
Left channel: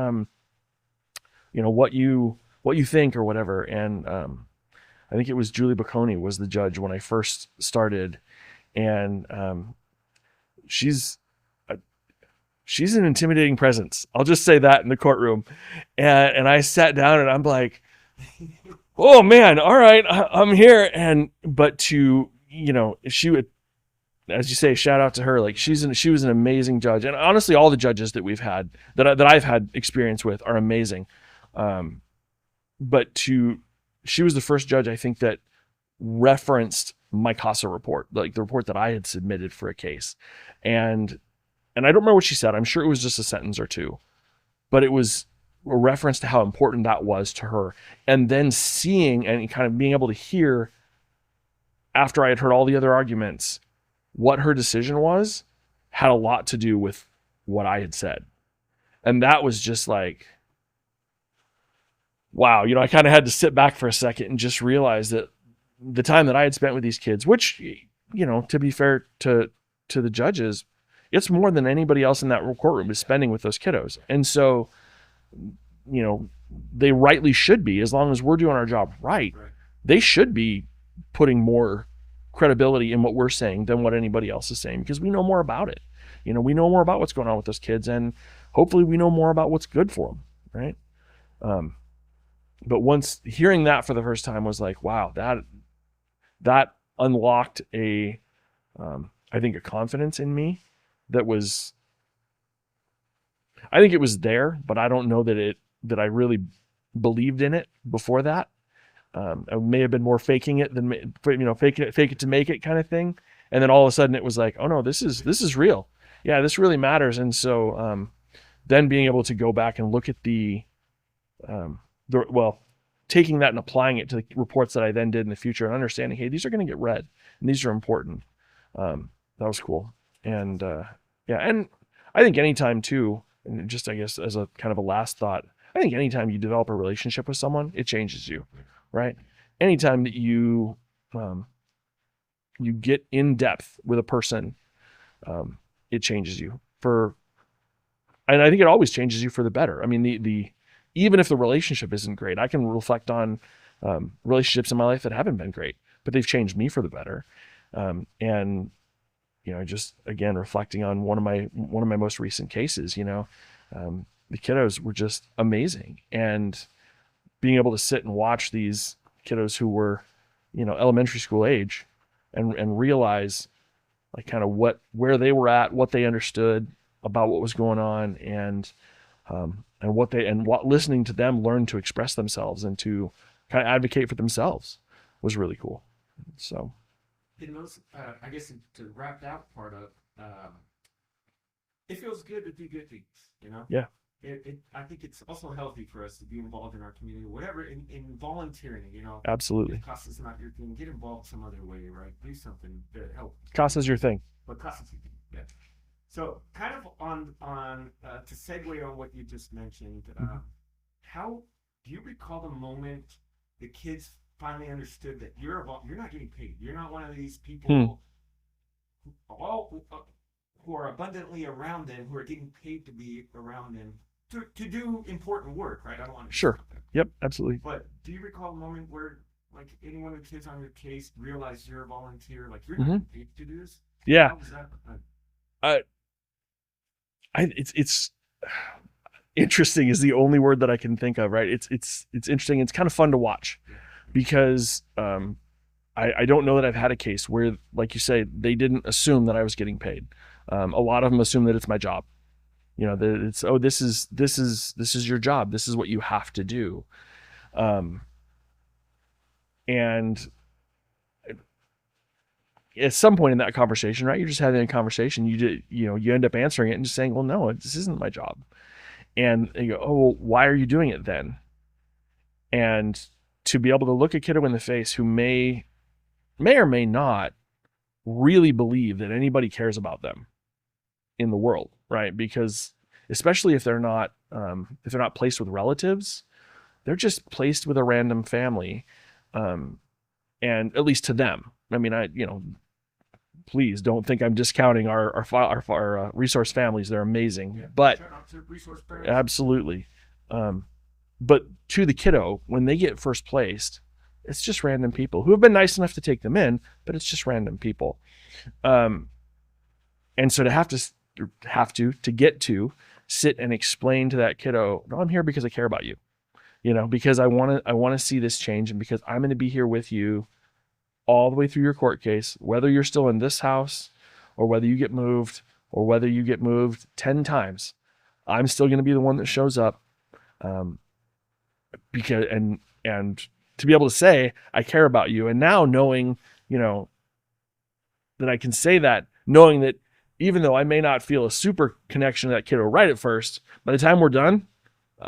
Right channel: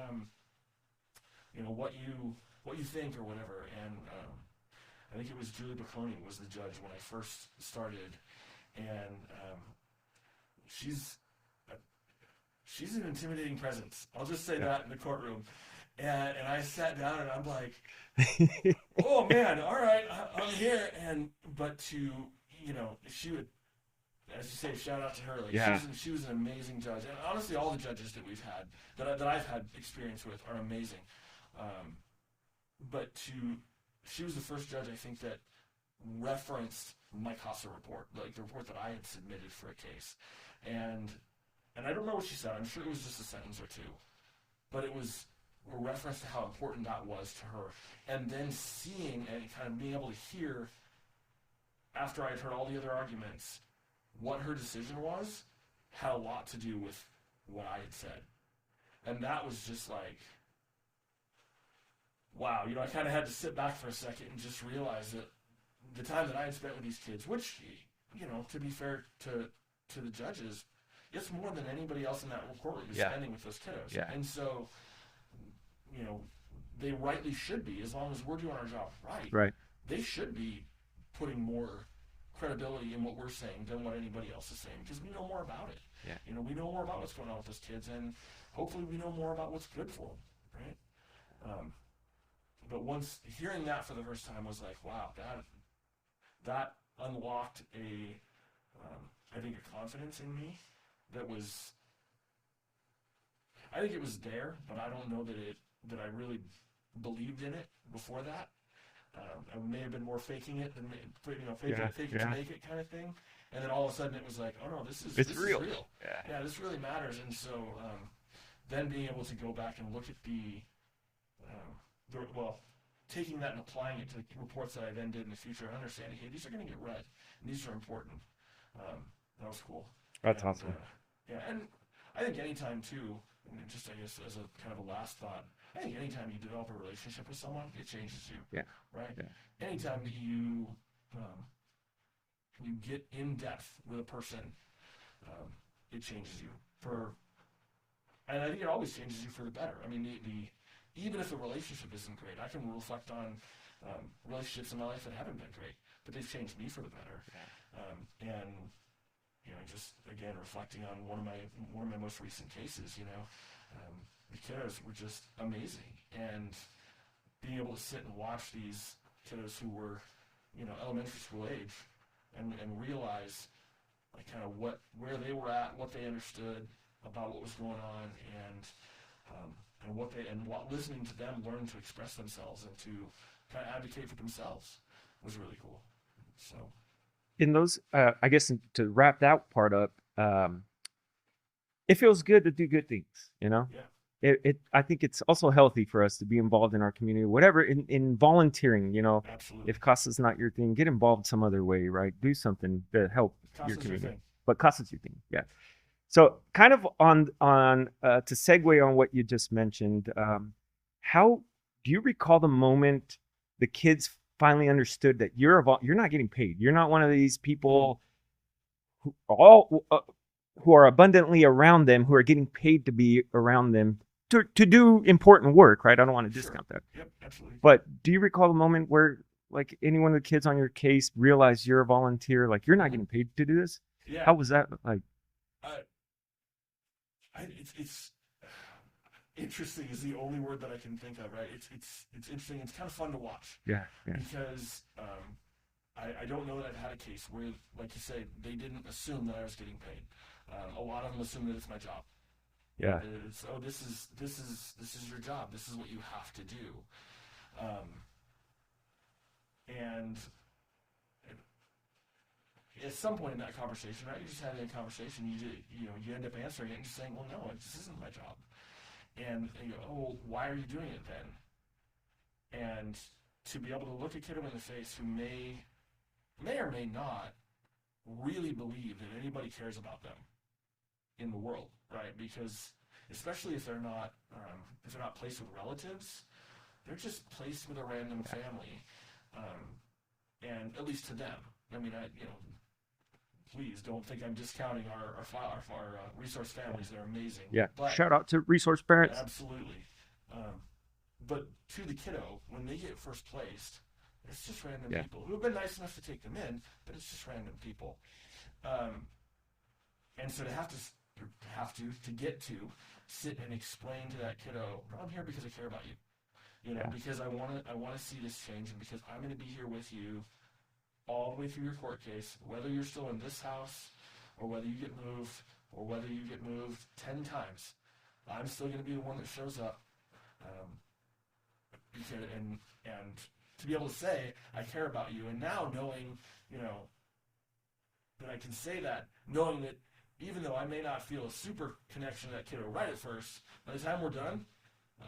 what you think or whatever. And I think it was Julie Bocconi was the judge when I first started, and she's an intimidating presence. I'll just say that in the courtroom. And I sat down and I'm like, oh man, all right, I'm here. But she would, as you say, shout out to her. Like, yeah. She was an amazing judge. And honestly, all the judges that we've had, that I've had experience with, are amazing. But she was the first judge, I think, that referenced my CASA report, like the report that I had submitted for a case. And I don't remember what she said. I'm sure it was just a sentence or two, but it was a reference to how important that was to her. And then seeing and kind of being able to hear, after I had heard all the other arguments, what her decision was, had a lot to do with what I had said. And that was just like, wow, I kind of had to sit back for a second and just realize that the time that I had spent with these kids, which, to be fair to the judges, it's more than anybody else in that courtroom is spending with those kiddos. Yeah. And so, they rightly should be, as long as we're doing our job right, they should be putting more credibility in what we're saying than what anybody else is saying, because we know more about it. We know more about what's going on with those kids, and hopefully we know more about what's good for them, right? But once hearing that for the first time was like, wow, that unlocked I think a confidence in me that was, I think it was there, but I don't know that I really believed in it before that. I may have been more faking it than fake it to make it kind of thing. And then all of a sudden it was like, oh no, this is real. Yeah, this really matters. And so then being able to go back and look at taking that and applying it to the reports that I then did in the future, and understanding, hey, these are going to get read and these are important. That was cool. That's and awesome. And I think anytime too, and just I guess as a kind of a last thought, I think anytime you develop a relationship with someone, it changes you. Yeah. Right. Yeah. Anytime that you get in depth with a person, it changes you and I think it always changes you for the better. I mean, even if the relationship isn't great, I can reflect on relationships in my life that haven't been great, but they've changed me for the better. And just again, reflecting on one of my most recent cases, the kiddos were just amazing, and being able to sit and watch these kiddos who were, elementary school age, and realize like kind of where they were at, what they understood about what was going on, and what listening to them learn to express themselves and to kind of advocate for themselves was really cool. So In those, I guess to wrap that part up, it feels good to do good things, you know? yeah, I think it's also healthy for us to be involved in our community, whatever, in volunteering, absolutely. if CASA's not your thing, get involved some other way, right? Do something to help CASA's your thing. but CASA's your thing. Yeah. So kind of on to segue on what you just mentioned, how do you recall the moment the kids finally understood that you're not getting paid? You're not one of these people who are abundantly around them, who are getting paid to be around them to do important work, right? I don't want to discount that. Yep, absolutely. But do you recall the moment where like any one of the kids on your case realized you're a volunteer, like you're not getting paid to do this? Yeah. How was that like? It's interesting is the only word that I can think of, right? It's interesting. It's kind of fun to watch. Yeah. Because I don't know that I've had a case where, like you say, they didn't assume that I was getting paid. A lot of them assume that it's my job. You know, that it's, oh, this is your job. This is what you have to do. And at some point in that conversation, right, you're just having a conversation. You end up answering it and just saying, well, no, this isn't my job. And you go, oh, well, why are you doing it then? And to be able to look a kiddo in the face who may or may not really believe that anybody cares about them in the world, right? Because especially if they're not placed with relatives, they're just placed with a random family, and at least to them. I mean, please don't think I'm discounting our resource families. They're amazing. Yeah. But shout out to resource parents. Absolutely. But to the kiddo, when they get first placed, it's just random people who have been nice enough to take them in, but it's just random people. And so to have to get to sit and explain to that kiddo, no, I'm here because I care about you, because I want to see this change, and because I'm going to be here with you all the way through your court case, whether you're still in this house or whether you get moved or whether you get moved 10 times, I'm still going to be the one that shows up. Because and to be able to say I care about you, and now knowing that I can say that, knowing that even though I may not feel a super connection to that kiddo right at first, by the time we're done,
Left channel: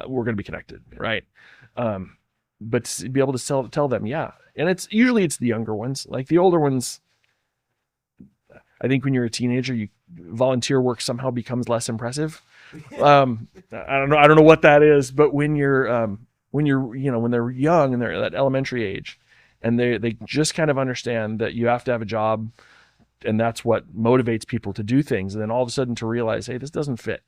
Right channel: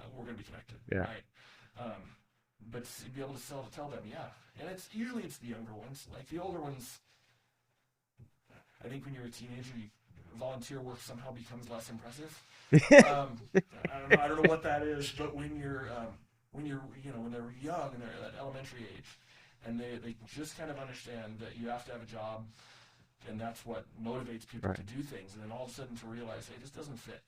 we're going to be connected, right? But to be able to tell them, and it's usually the younger ones. Like the older ones, I think when you're a teenager, volunteer work somehow becomes less impressive. I don't know what that is, but when they're young and they're at that elementary age, and they just kind of understand that you have to have a job, and that's what motivates people to do things, and then all of a sudden to realize, hey, this doesn't fit.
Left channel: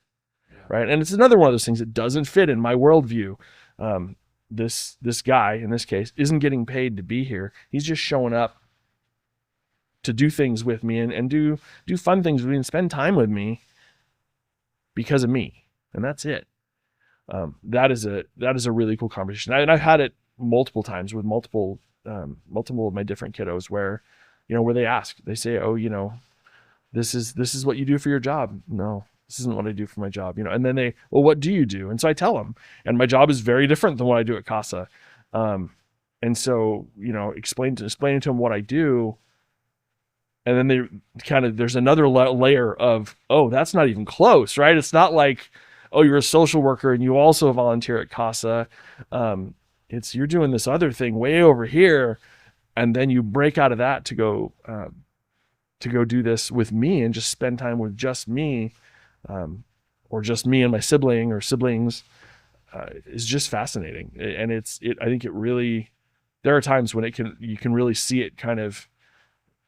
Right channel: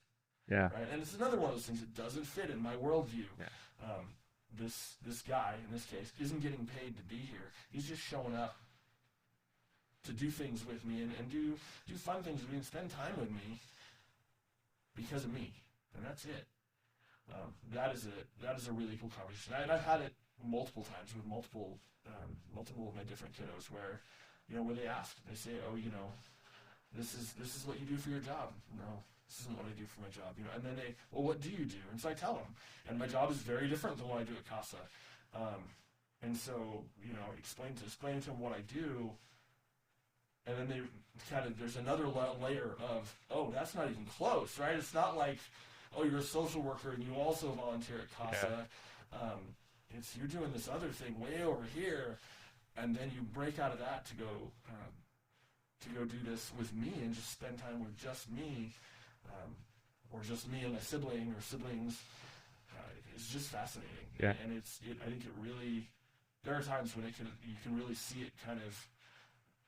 Right. And it's another one of those things that doesn't fit in my worldview. This guy in this case isn't getting paid to be here. He's just showing up to do things with me and do fun things with me and spend time with me because of me. And that's it. That is a really cool conversation. And I've had it multiple times with multiple of my different kiddos where they ask, they say, oh, this is what you do for your job. No, this isn't what I do for my job. And then well, what do you do? And so I tell them, and my job is very different than what I do at CASA. And so, explaining to them what I do. And then there's another layer of, oh, that's not even close, right? It's not like, oh, you're a social worker and you also volunteer at CASA. It's you're doing this other thing way over here. And then you break out of that to go do this with me and just spend time with just me, or just me and my sibling or siblings, is just fascinating. And I think it really, there are times when you can really see it kind of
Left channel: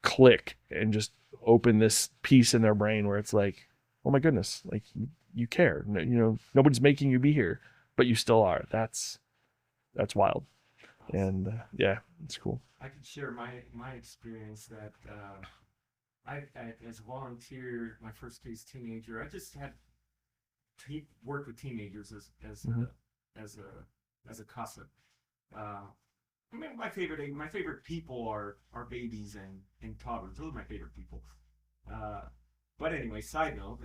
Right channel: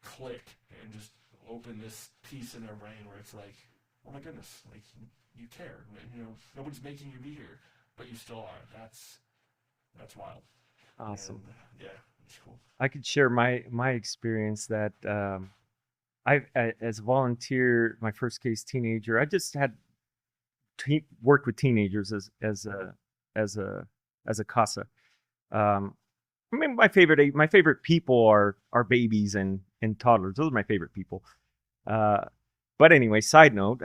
click and just open this piece in their brain where it's like, oh my goodness, like you care, nobody's making you be here, but you still are. That's wild. Awesome. And it's cool. I could share my experience that I as a volunteer, my first case teenager, I just had worked with teenagers as a CASA. I mean, my favorite people are babies and toddlers. Those are my favorite people. But anyway, side note,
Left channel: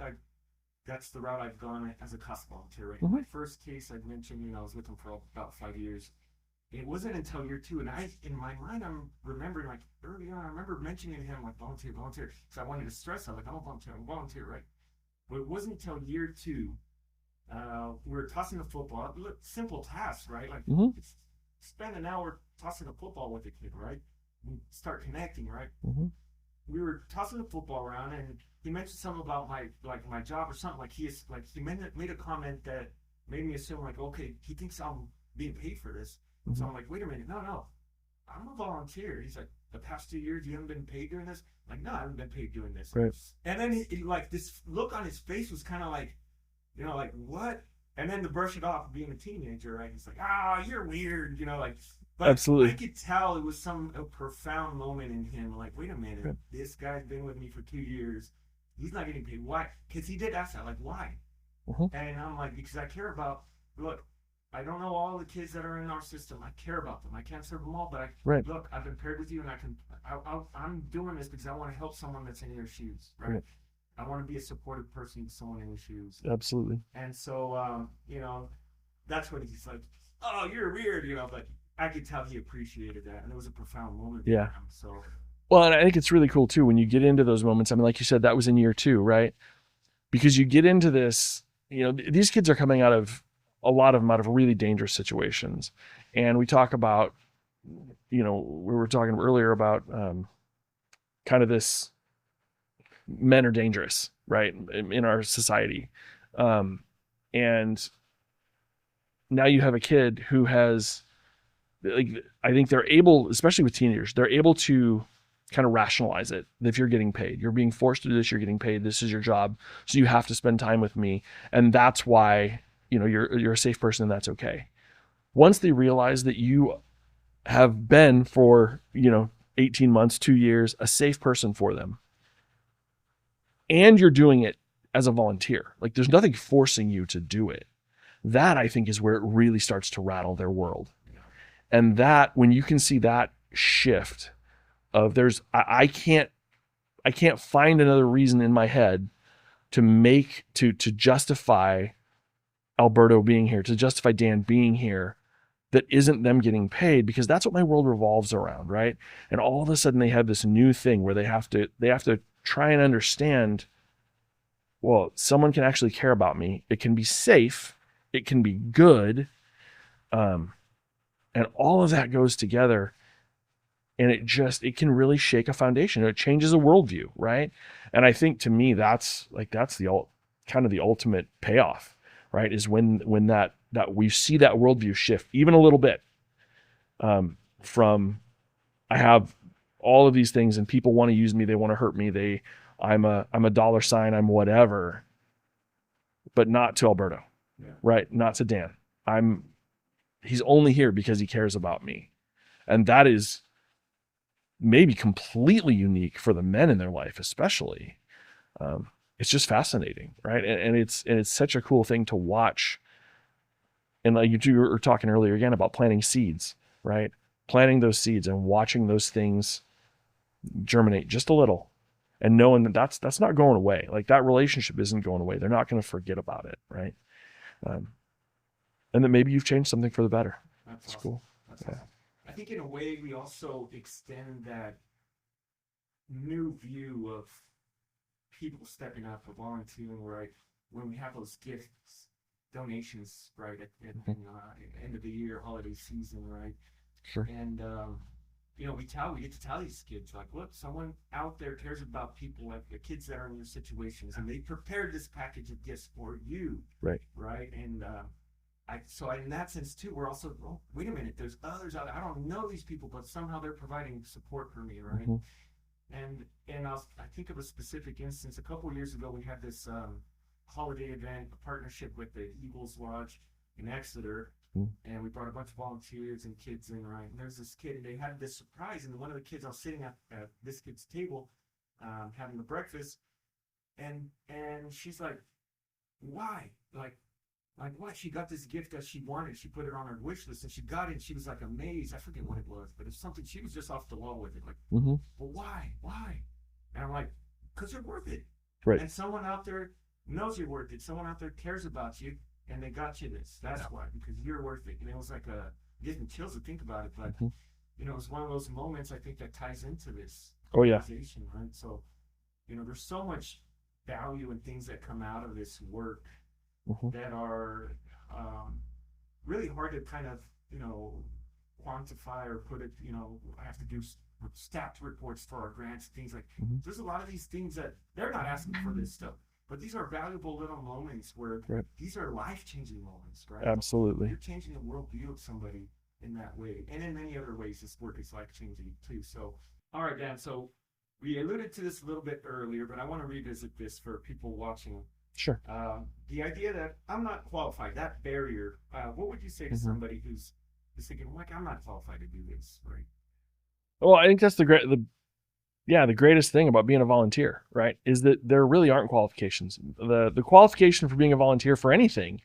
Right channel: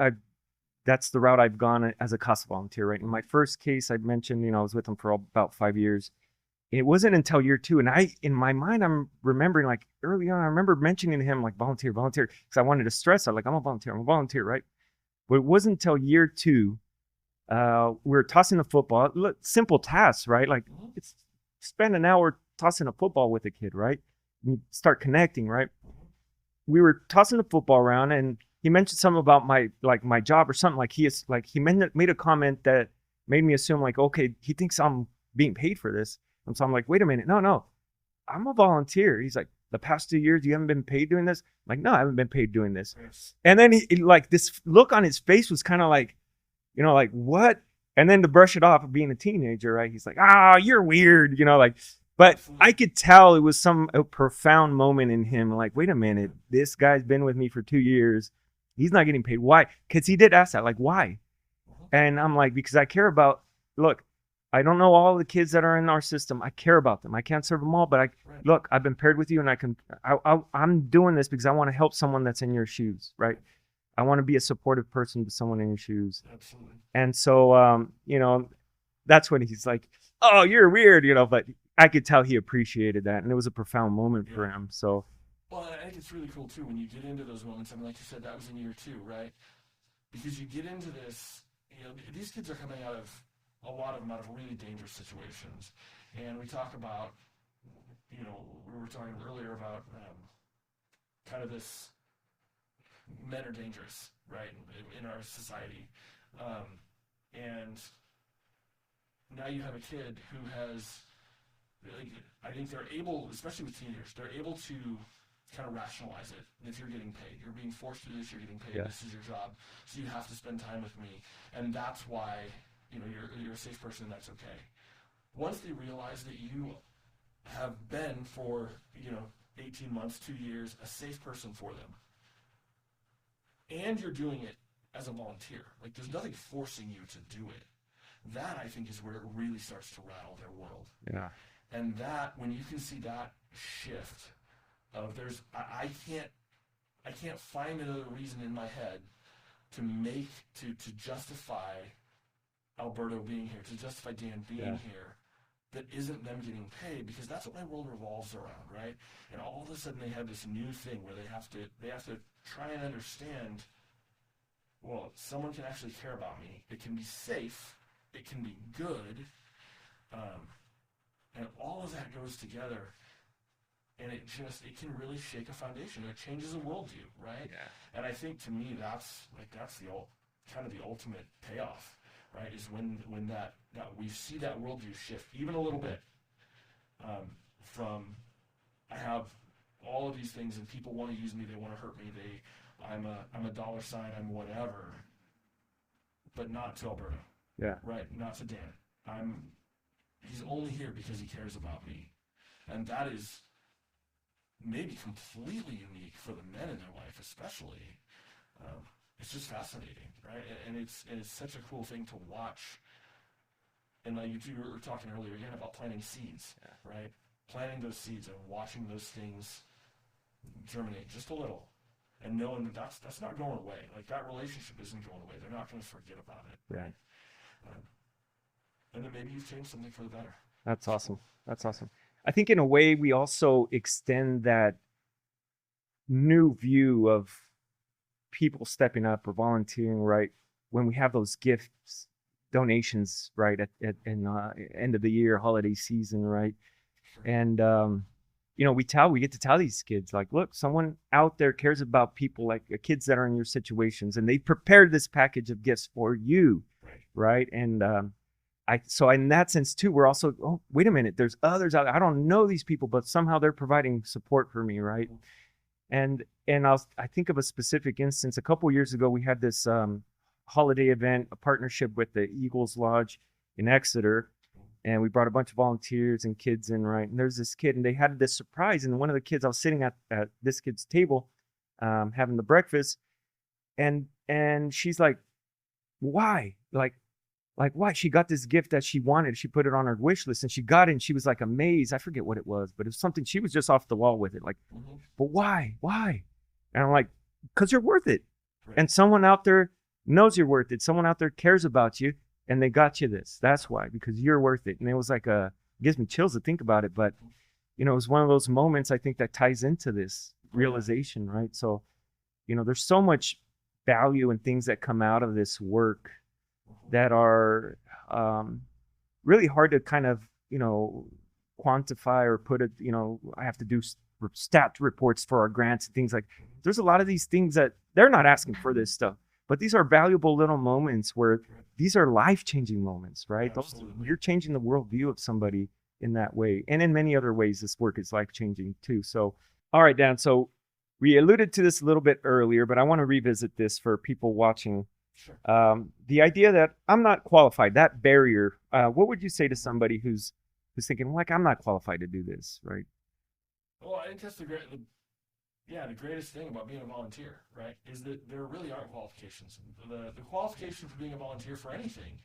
that's the route I've gone as a CASA volunteer. Right. In my first case, I mentioned, I was with them for about 5 years. it wasn't until year 2, and in my mind, I'm remembering like early on, I remember mentioning to him like volunteer, volunteer, because I wanted to stress out like I'm a volunteer, right? But it wasn't until year 2, we were tossing a football, simple tasks, right? Like it's spend an hour tossing a football with a kid, right? You start connecting, right? We were tossing the football around, and he mentioned something about my job or something. Like he made a comment that made me assume like, okay, he thinks I'm being paid for this. And so I'm like, wait a minute, no, I'm a volunteer. He's like, the past 2 years you haven't been paid doing this? I'm like, no, I haven't been paid doing this. Right. And then he like this look on his face was kind of like, like what? And then to brush it off of being a teenager, right? He's like, you're weird, like. But Absolutely. I could tell it was a profound moment in him. Like, wait a minute, this guy's been with me for 2 years. He's not getting paid. Why? Because he did ask that, like, why? And I'm like, because I care about. Look, I don't know all the kids that are in our system. I care about them. I can't serve them all, but look, I've been paired with you, and I'm doing this because I want to help someone that's in your shoes, right? I want to be a supportive person to someone in your shoes. Absolutely. And so, that's when he's like, oh, you're weird, but I could tell he appreciated that, and it was a profound moment for him. So, well, and I think it's really cool too when you get into those moments. I mean, like you said, that was in year 2, right? Because you get into this, these kids are coming out of a lot of them out of really dangerous situations, and we talk about, we were talking earlier about kind of this, men are dangerous, right, in our society, and now you have a kid who has. Like, I think they're able, especially with teenagers, they're able to kind of rationalize it. If you're getting paid, you're being forced to do this, you're getting paid, this is your job, so you have to spend time with me, and that's why you're a safe person, and that's okay. Once they realize that you have been for 18 months, 2 years, a safe person for them, and you're doing it as a volunteer, like there's nothing forcing you to do it, that I think is where it really starts to rattle their world. And that, when you can see that shift of I can't find another reason in my head to justify Alberto being here, to justify Dan being here, that isn't them getting paid, because that's what my world revolves around, right? And all of a sudden they have this new thing where they have to try and understand, well, someone can actually care about me. It can be safe. It can be good. And all of that goes together, and it can really shake a foundation. It changes a worldview, right? And I think, to me, that's the kind of the ultimate payoff, right? Is when that we see that worldview shift even a little bit, from I have all of these things and people want to use me, they want to hurt me, I'm a dollar sign, I'm whatever, but not to Alberto, right? Not to Dan. He's only here because he cares about me. And that is maybe completely unique for the men in their life, especially. It's just fascinating, right? And it's such a cool thing to watch. And like you were talking earlier again about planting seeds, right? Planting those seeds and watching those things germinate just a little, and knowing that that's not going away. Like, that relationship isn't going away. They're not going to forget about it, right? And that maybe you've changed something for the better. That's awesome. Cool. That's awesome. I think in a way we also extend that new view of people stepping up or volunteering, right? When we have those gifts, donations, right, at end of the year, holiday season, right? Sure. And we get to tell these kids, like, look, someone out there cares about people, like kids that are in your situations, and they prepared this package of gifts for you, right? And so in that sense too, we're also, oh, wait a minute, there's others out there. I don't know these people, but somehow they're providing support for me, right? And I think of a specific instance. A couple years ago, we had this holiday event, a partnership with the Eagles Lodge in Exeter, and we brought a bunch of volunteers and kids in, right? And there's this kid, and they had this surprise, and one of the kids, I was sitting at this kid's table, having the breakfast, and she's like, why? Like, why? She got this gift that she wanted. She put it on her wish list, and she got it, and she was like amazed. I forget what it was, but it was something. She was just off the wall with it. Like, but why? And I'm like, because you're worth it. Right. And someone out there knows you're worth it. Someone out there cares about you, and they got you this. That's why, because you're worth it. And it was like a gives me chills to think about it. But Mhm. you know, it was one of those moments I think that ties into this Oh, yeah. realization, right? So, you know, there's so much value and things that come out of this work Mhm. that are um, really hard to kind of, you know, quantify or put it, you know, I have to do stat reports for our grants and things like. Mhm. There's a lot of these things that they're not asking for this stuff, but these are valuable little moments where Right. these are life-changing moments, right? Absolutely. You're changing the worldview of somebody in that way, and in many other ways this work is life-changing too. So all right, Dan, so we alluded to this a little bit earlier, but I want to revisit this for people watching. Sure. The idea that I'm not qualified, that barrier, what would you say to Mhm. somebody who's thinking, like, I'm not qualified to do this, right? Well, I think that's the greatest thing about being a volunteer, right? Is that there really aren't qualifications. The qualification for being a volunteer for anything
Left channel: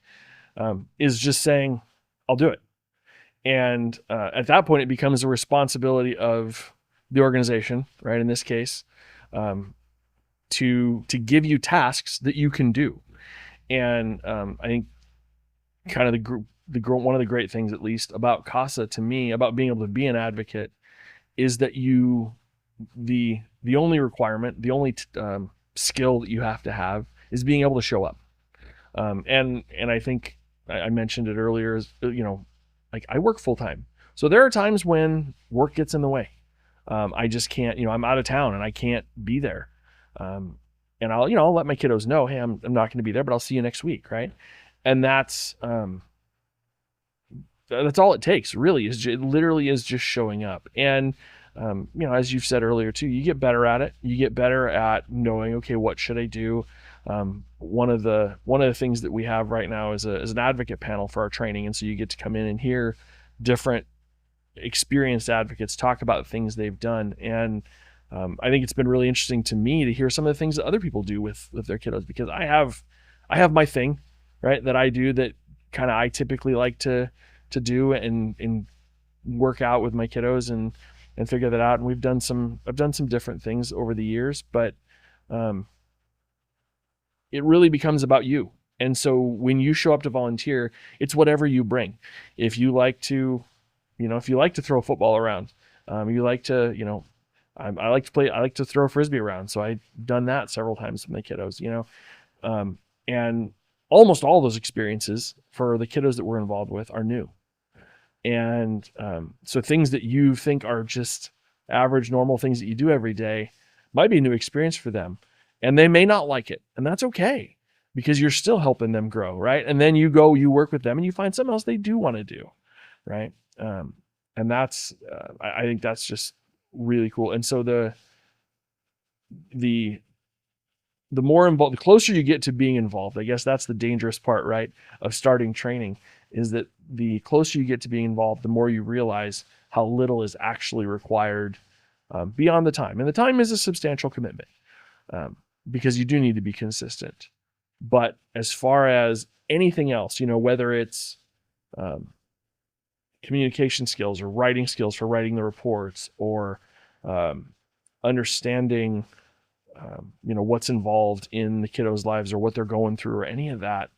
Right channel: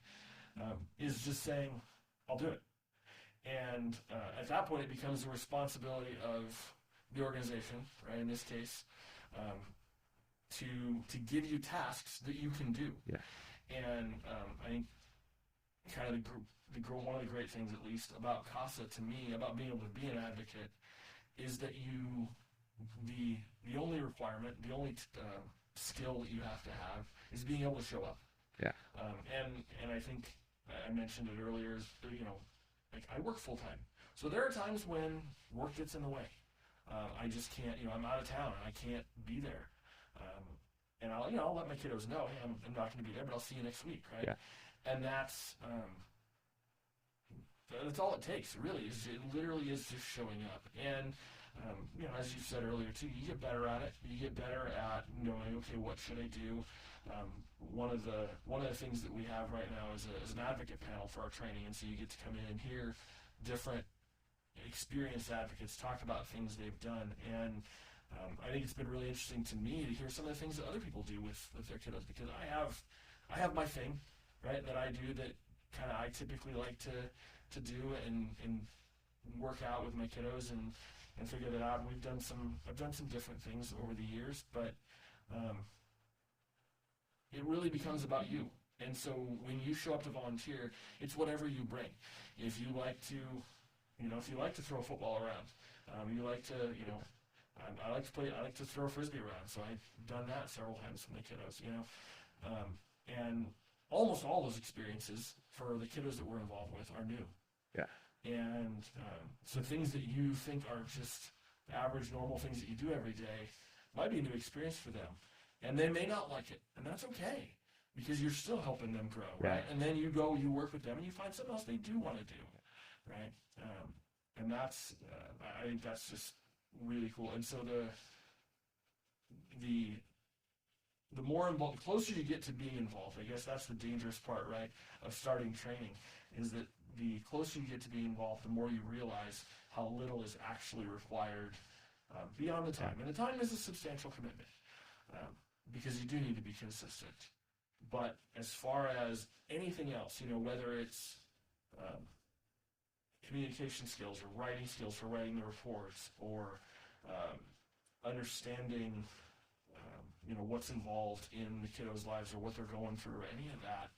is just saying, I'll do it. And at that point, it becomes a responsibility of the organization, right? In this case, um, to give you tasks that you can do. Yeah. And I think kind of one of the great things, at least about CASA to me, about being able to be an advocate, is that the only requirement, the only skill that you have to have is being able to show up. Yeah. And I think I mentioned it earlier, is, you know, like I work full time, so there are times when work gets in the way. I just can't, you know, I'm out of town and I can't be there. And I'll let my kiddos know, hey, I'm not going to be there, but I'll see you next week, right? Yeah. And that's all it takes, really. It literally is just showing up. And you know, as you've said earlier too, you get better at it. You get better at knowing, okay, what should I do? One of the things that we have right now is an advocate panel for our training, and so you get to come in and hear different experienced advocates talk about things they've done. And I think it's been really interesting to me to hear some of the things that other people do with their kiddos, because I have my thing, right, that I do that kind of I typically like to do and work out with my kiddos and figure that out. And I've done some different things over the years, but it really becomes about you. And so when you show up to volunteer, it's whatever you bring. If you like to, if you like to throw a football around, you like to, I like to throw a Frisbee around. So I've done that several times with my kiddos, and almost all those experiences for the kiddos that we're involved with are new. Yeah. And so things that you think are just average, normal things that you do every day might be a new experience for them. And they may not like it. And that's okay, because you're still helping them grow, right? And then you work with them and you find something else they do want to do, right? And that's, I think that's just really cool. And so the more involved, the closer you get to being involved, I guess that's the dangerous part, right, of starting training, is that the closer you get to being involved, the more you realize how little is actually required beyond the time. And the time is a substantial commitment, because you do need to be consistent. But as far as anything else, whether it's communication skills or writing skills for writing the reports, or understanding what's involved in the kiddos' lives or what they're going through or any of that,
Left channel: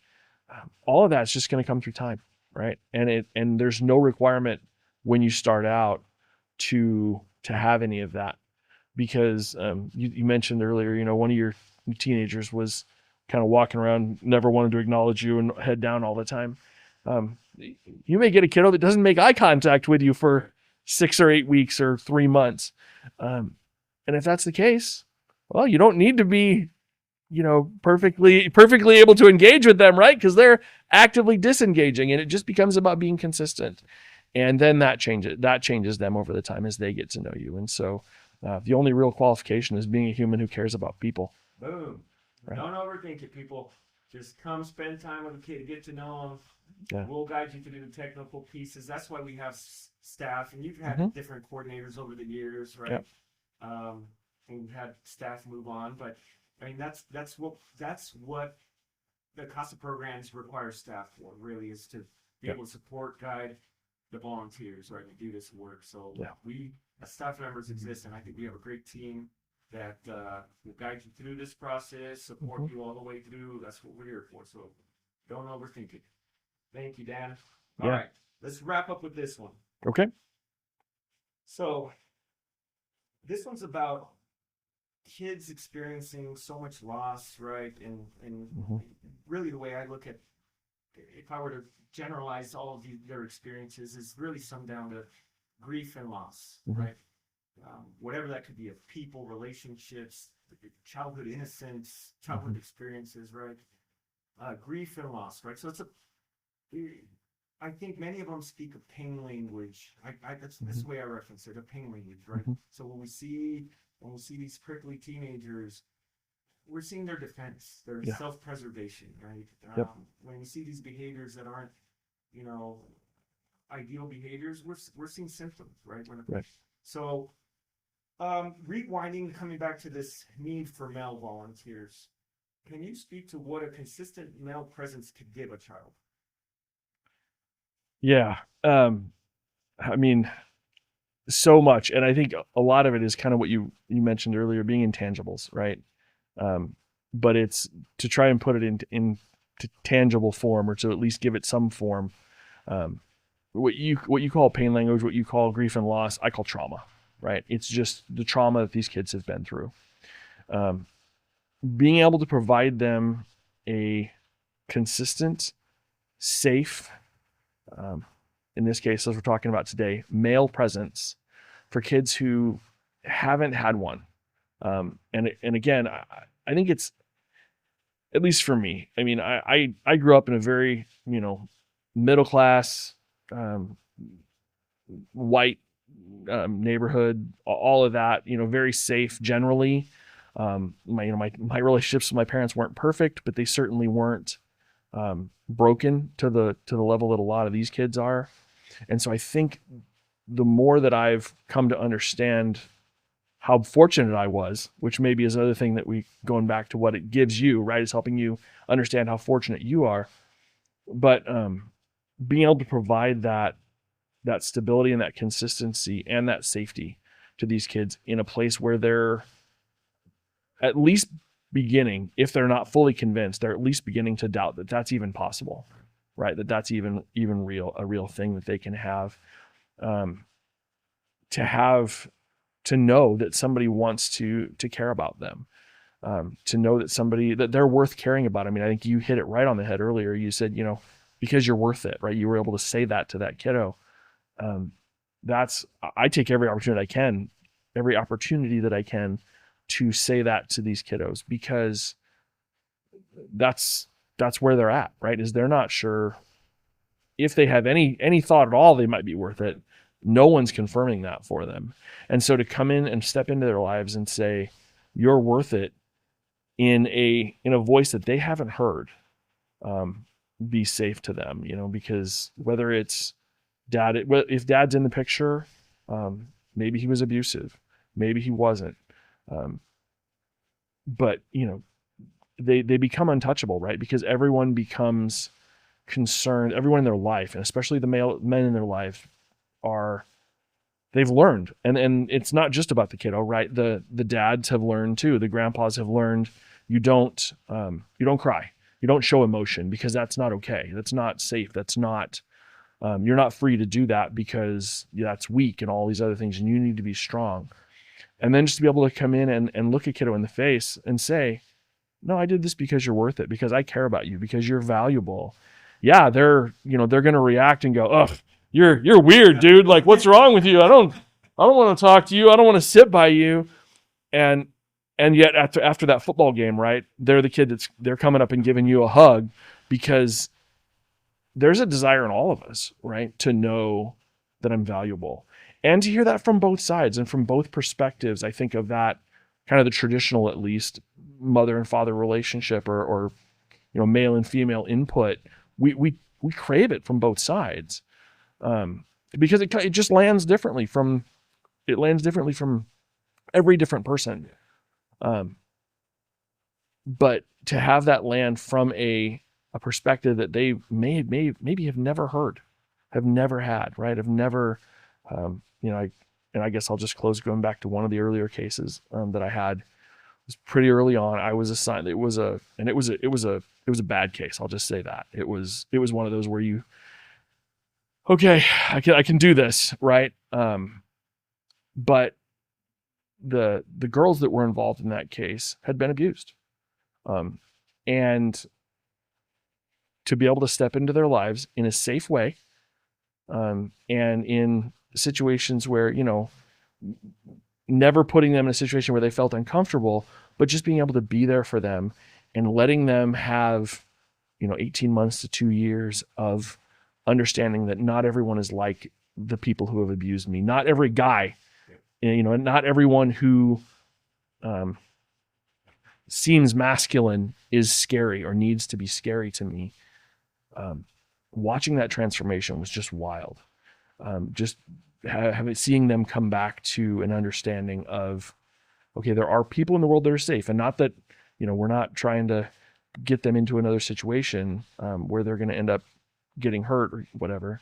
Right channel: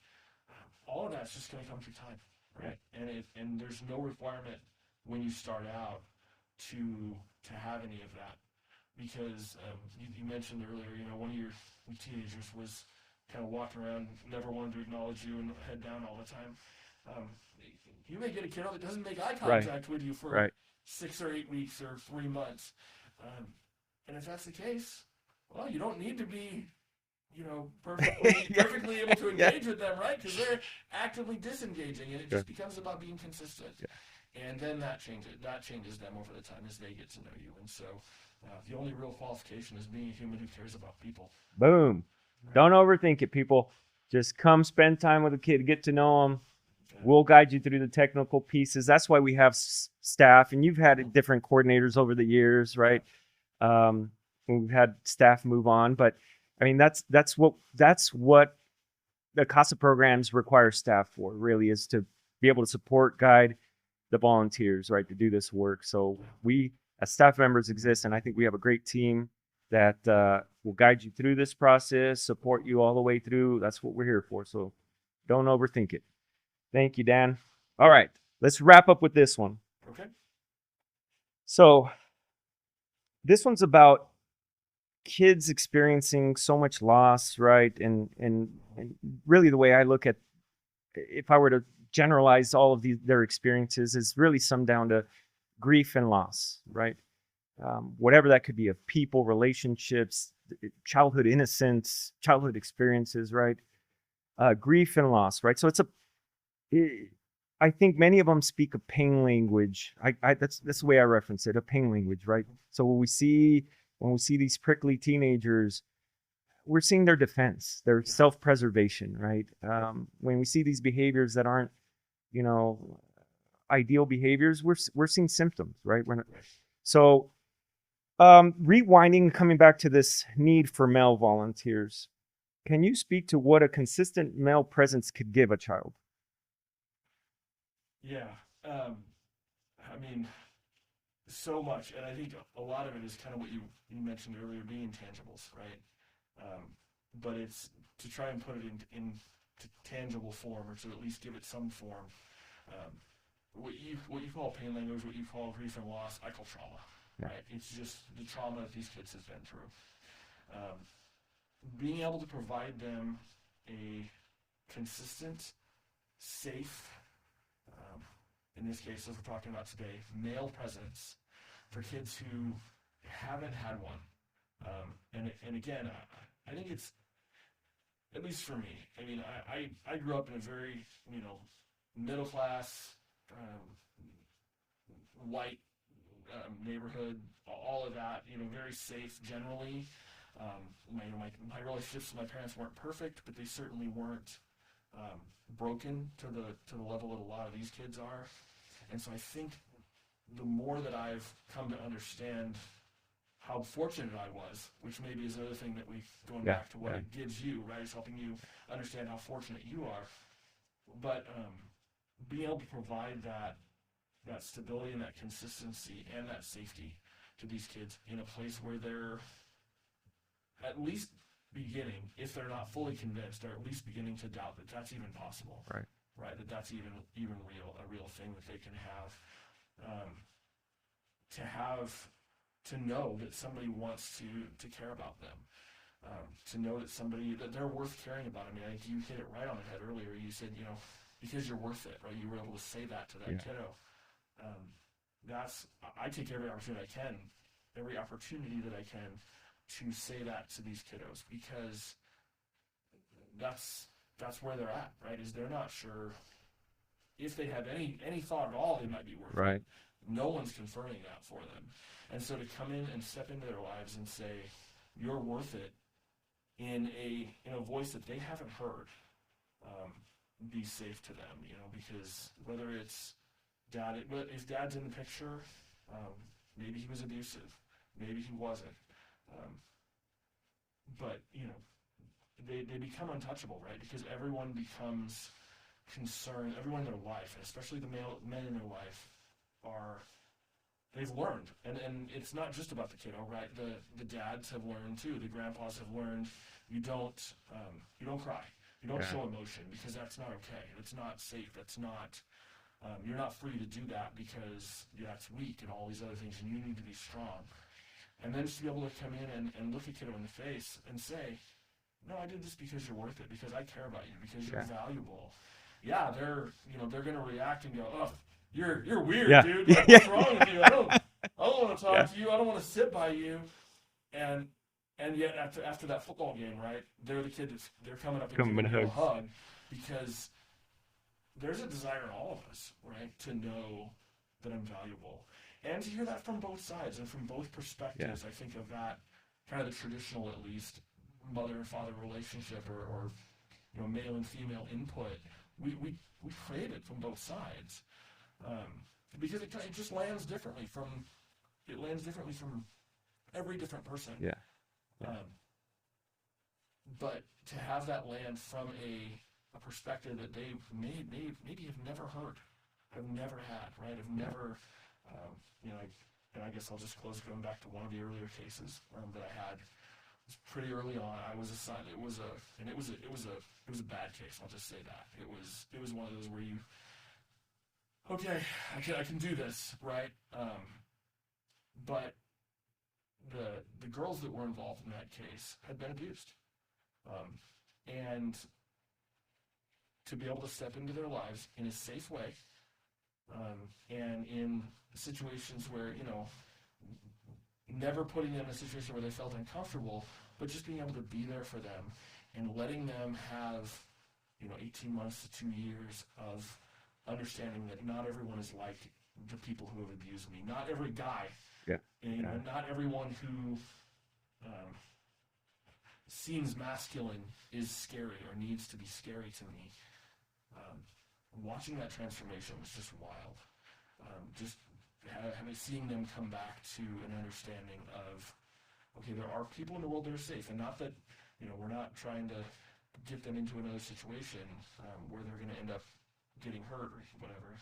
all of that's just going to come through time, right? And there's no requirement when you start out to have any of that, because you mentioned earlier, one of your teenagers was kind of walking around, never wanted to acknowledge you and head down all the time. You may get a kiddo that doesn't make eye contact with you for 6 or 8 weeks or 3 months. And if that's the case, well, you don't need to be, perfectly able to engage with them, right? Because they're actively disengaging, and it just becomes about being consistent. And then that changes them over the time as they get to know you. And so the only real qualification is being a human who cares about people. Boom. Right. Don't overthink it, people. Just come spend time with a kid, get to know them. Yeah. We'll guide you through the technical pieces. That's why we have staff, and you've had different coordinators over the years, right? Yeah. We've had staff move on, but I mean, that's what the CASA programs require staff for, really, is to be able to support, guide the volunteers, right, to do this work. So we as staff members exist, and I think we have a great team that will guide you through this process, support you all the way through. That's what we're here for. So don't overthink it. Thank you, Dan. All right. let's wrap up with this one. Okay. So this one's about kids experiencing so much loss, right? And really the way I look at, if I were to generalize all of their experiences, is really summed down to grief and loss, right? Whatever that could be, of people, relationships, childhood innocence, childhood experiences, right? Grief and loss, right? So I think many of them speak a pain language. That's the way I reference it, a pain language, right? So when we see these prickly teenagers, we're seeing their defense, their self-preservation, right? When we see these behaviors that aren't, ideal behaviors, we're seeing symptoms, right? So, rewinding, coming back to this need for male volunteers, can you speak to what a consistent male presence could give a child? Yeah. I mean, so much. And I think a lot of it is kind of what you mentioned earlier, being intangibles, right? But it's to try and put it into tangible form, or to at least give it some form. What you call pain language, what you call grief and loss, I call trauma, right? It's just the trauma that these kids have been through. Being able to provide them a consistent, safe, in this case, as we're talking about today, male presence for kids who haven't had one. And again, I think it's, at least for me, I mean, I grew up in a very, middle class, white neighborhood, all of that, very safe generally. My relationships with my parents weren't perfect, but they certainly weren't broken to the level that a lot of these kids are. And so I think the more that I've come to understand how fortunate I was, which maybe is another thing that going back to what it gives you, right, is helping you understand how fortunate you are. But being able to provide that stability and that consistency and that safety to these kids in a place where they're at least beginning, if they're not fully convinced, they're at least beginning to doubt that that's even possible, right? That's even a real thing that they can have. To know that somebody wants to care about them, to know that they're worth caring about. I mean, I think you hit it right on the head earlier. You said, because you're worth it, right? You were able to say that to that kiddo. I take every opportunity that I can to say that to these kiddos, because that's where they're at, right? Is they're not sure if they have any thought at all they might be worth it. No one's confirming that for them. And so to come in and step into their lives and say, you're worth it, in a voice that they haven't heard, be safe to them, because whether it's if dad's in the picture, maybe he was abusive, maybe he wasn't. But they become untouchable, right? Because everyone becomes concerned, everyone in their life, and especially the men in their life, they've learned, and it's not just about the kiddo, right? The dads have learned too. The grandpas have learned you don't cry, you don't show emotion, because that's not okay. That's not safe. That's not, you're not free to do that, because that's weak and all these other things, and you need to be strong. And then just to be able to come in and look a kiddo in the face and say, no, I did this because you're worth it, because I care about you, because you're valuable. Yeah, they're going to react and go, ugh, you're weird, dude. Like, what's wrong with you? I don't want to talk to you. I don't want to sit by you. And yet after that football game, right, they're the kid they're coming up and giving you a hug, because there's a desire in all of us, right, to know that I'm valuable, and to hear that from both sides and from both perspectives. I think of that kind of the traditional, at least, mother and father relationship, or male and female input. We crave it from both sides, because it just lands differently from every different person. But to have that land from a perspective that they maybe have never heard, have never had, right? Have never, I guess I'll just close going back to one of the earlier cases that I had. It was pretty early on. I was assigned. It was a bad case. I'll just say that it was one of those where okay, I can do this, right? But the girls that were involved in that case had been abused, and to be able to step into their lives in a safe way, and in situations where, never putting them in a situation where they felt uncomfortable, but just being able to be there for them and letting them have, 18 months to 2 years of understanding that not everyone is like the people who have abused me. Not every guy, and not everyone who seems masculine is scary or needs to be scary to me. Watching that transformation was just wild. Just seeing them come back to an understanding of, okay, there are people in the world that are safe, and not that, we're not trying to get them into another situation where they're going to end up getting hurt or whatever,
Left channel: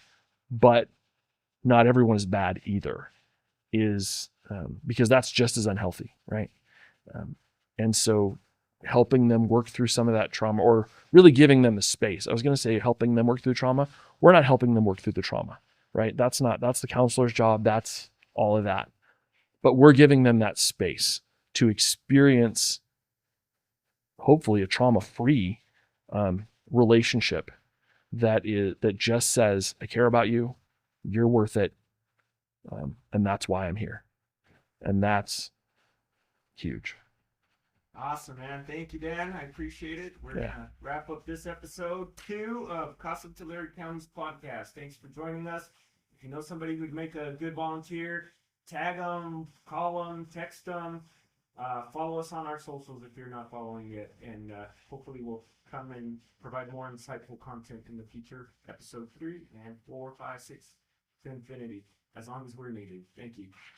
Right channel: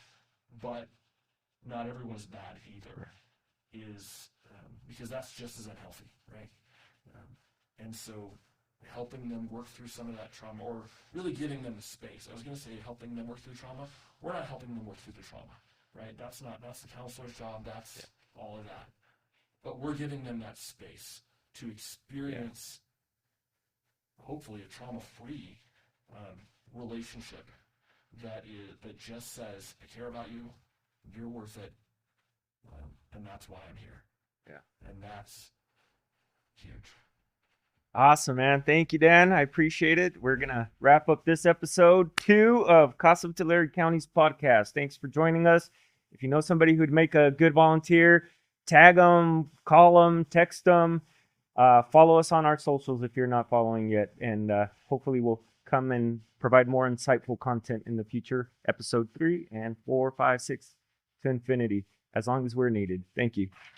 but not everyone is bad either, because that's just as unhealthy, right? And so helping them work through some of that trauma, or really giving them the space. I was going to say helping them work through trauma. We're not helping them work through the trauma, right? That's the counselor's job. That's all of that. But we're giving them that space to experience, hopefully, a trauma-free relationship that just says, I care about you, you're worth it, and that's why I'm here. Yeah. And that's huge. Awesome, man. Thank you, Dan. I appreciate it. We're going to wrap up this episode 2 of CASA of Tulare County's podcast. Thanks for joining us. If you know somebody who'd make a good volunteer, tag them, call them, text them. Follow us on our socials if you're not following yet. And hopefully we'll come and provide more insightful content in the future. Episode 3 and 4, 5, 6 to infinity, as long as we're needed. Thank you.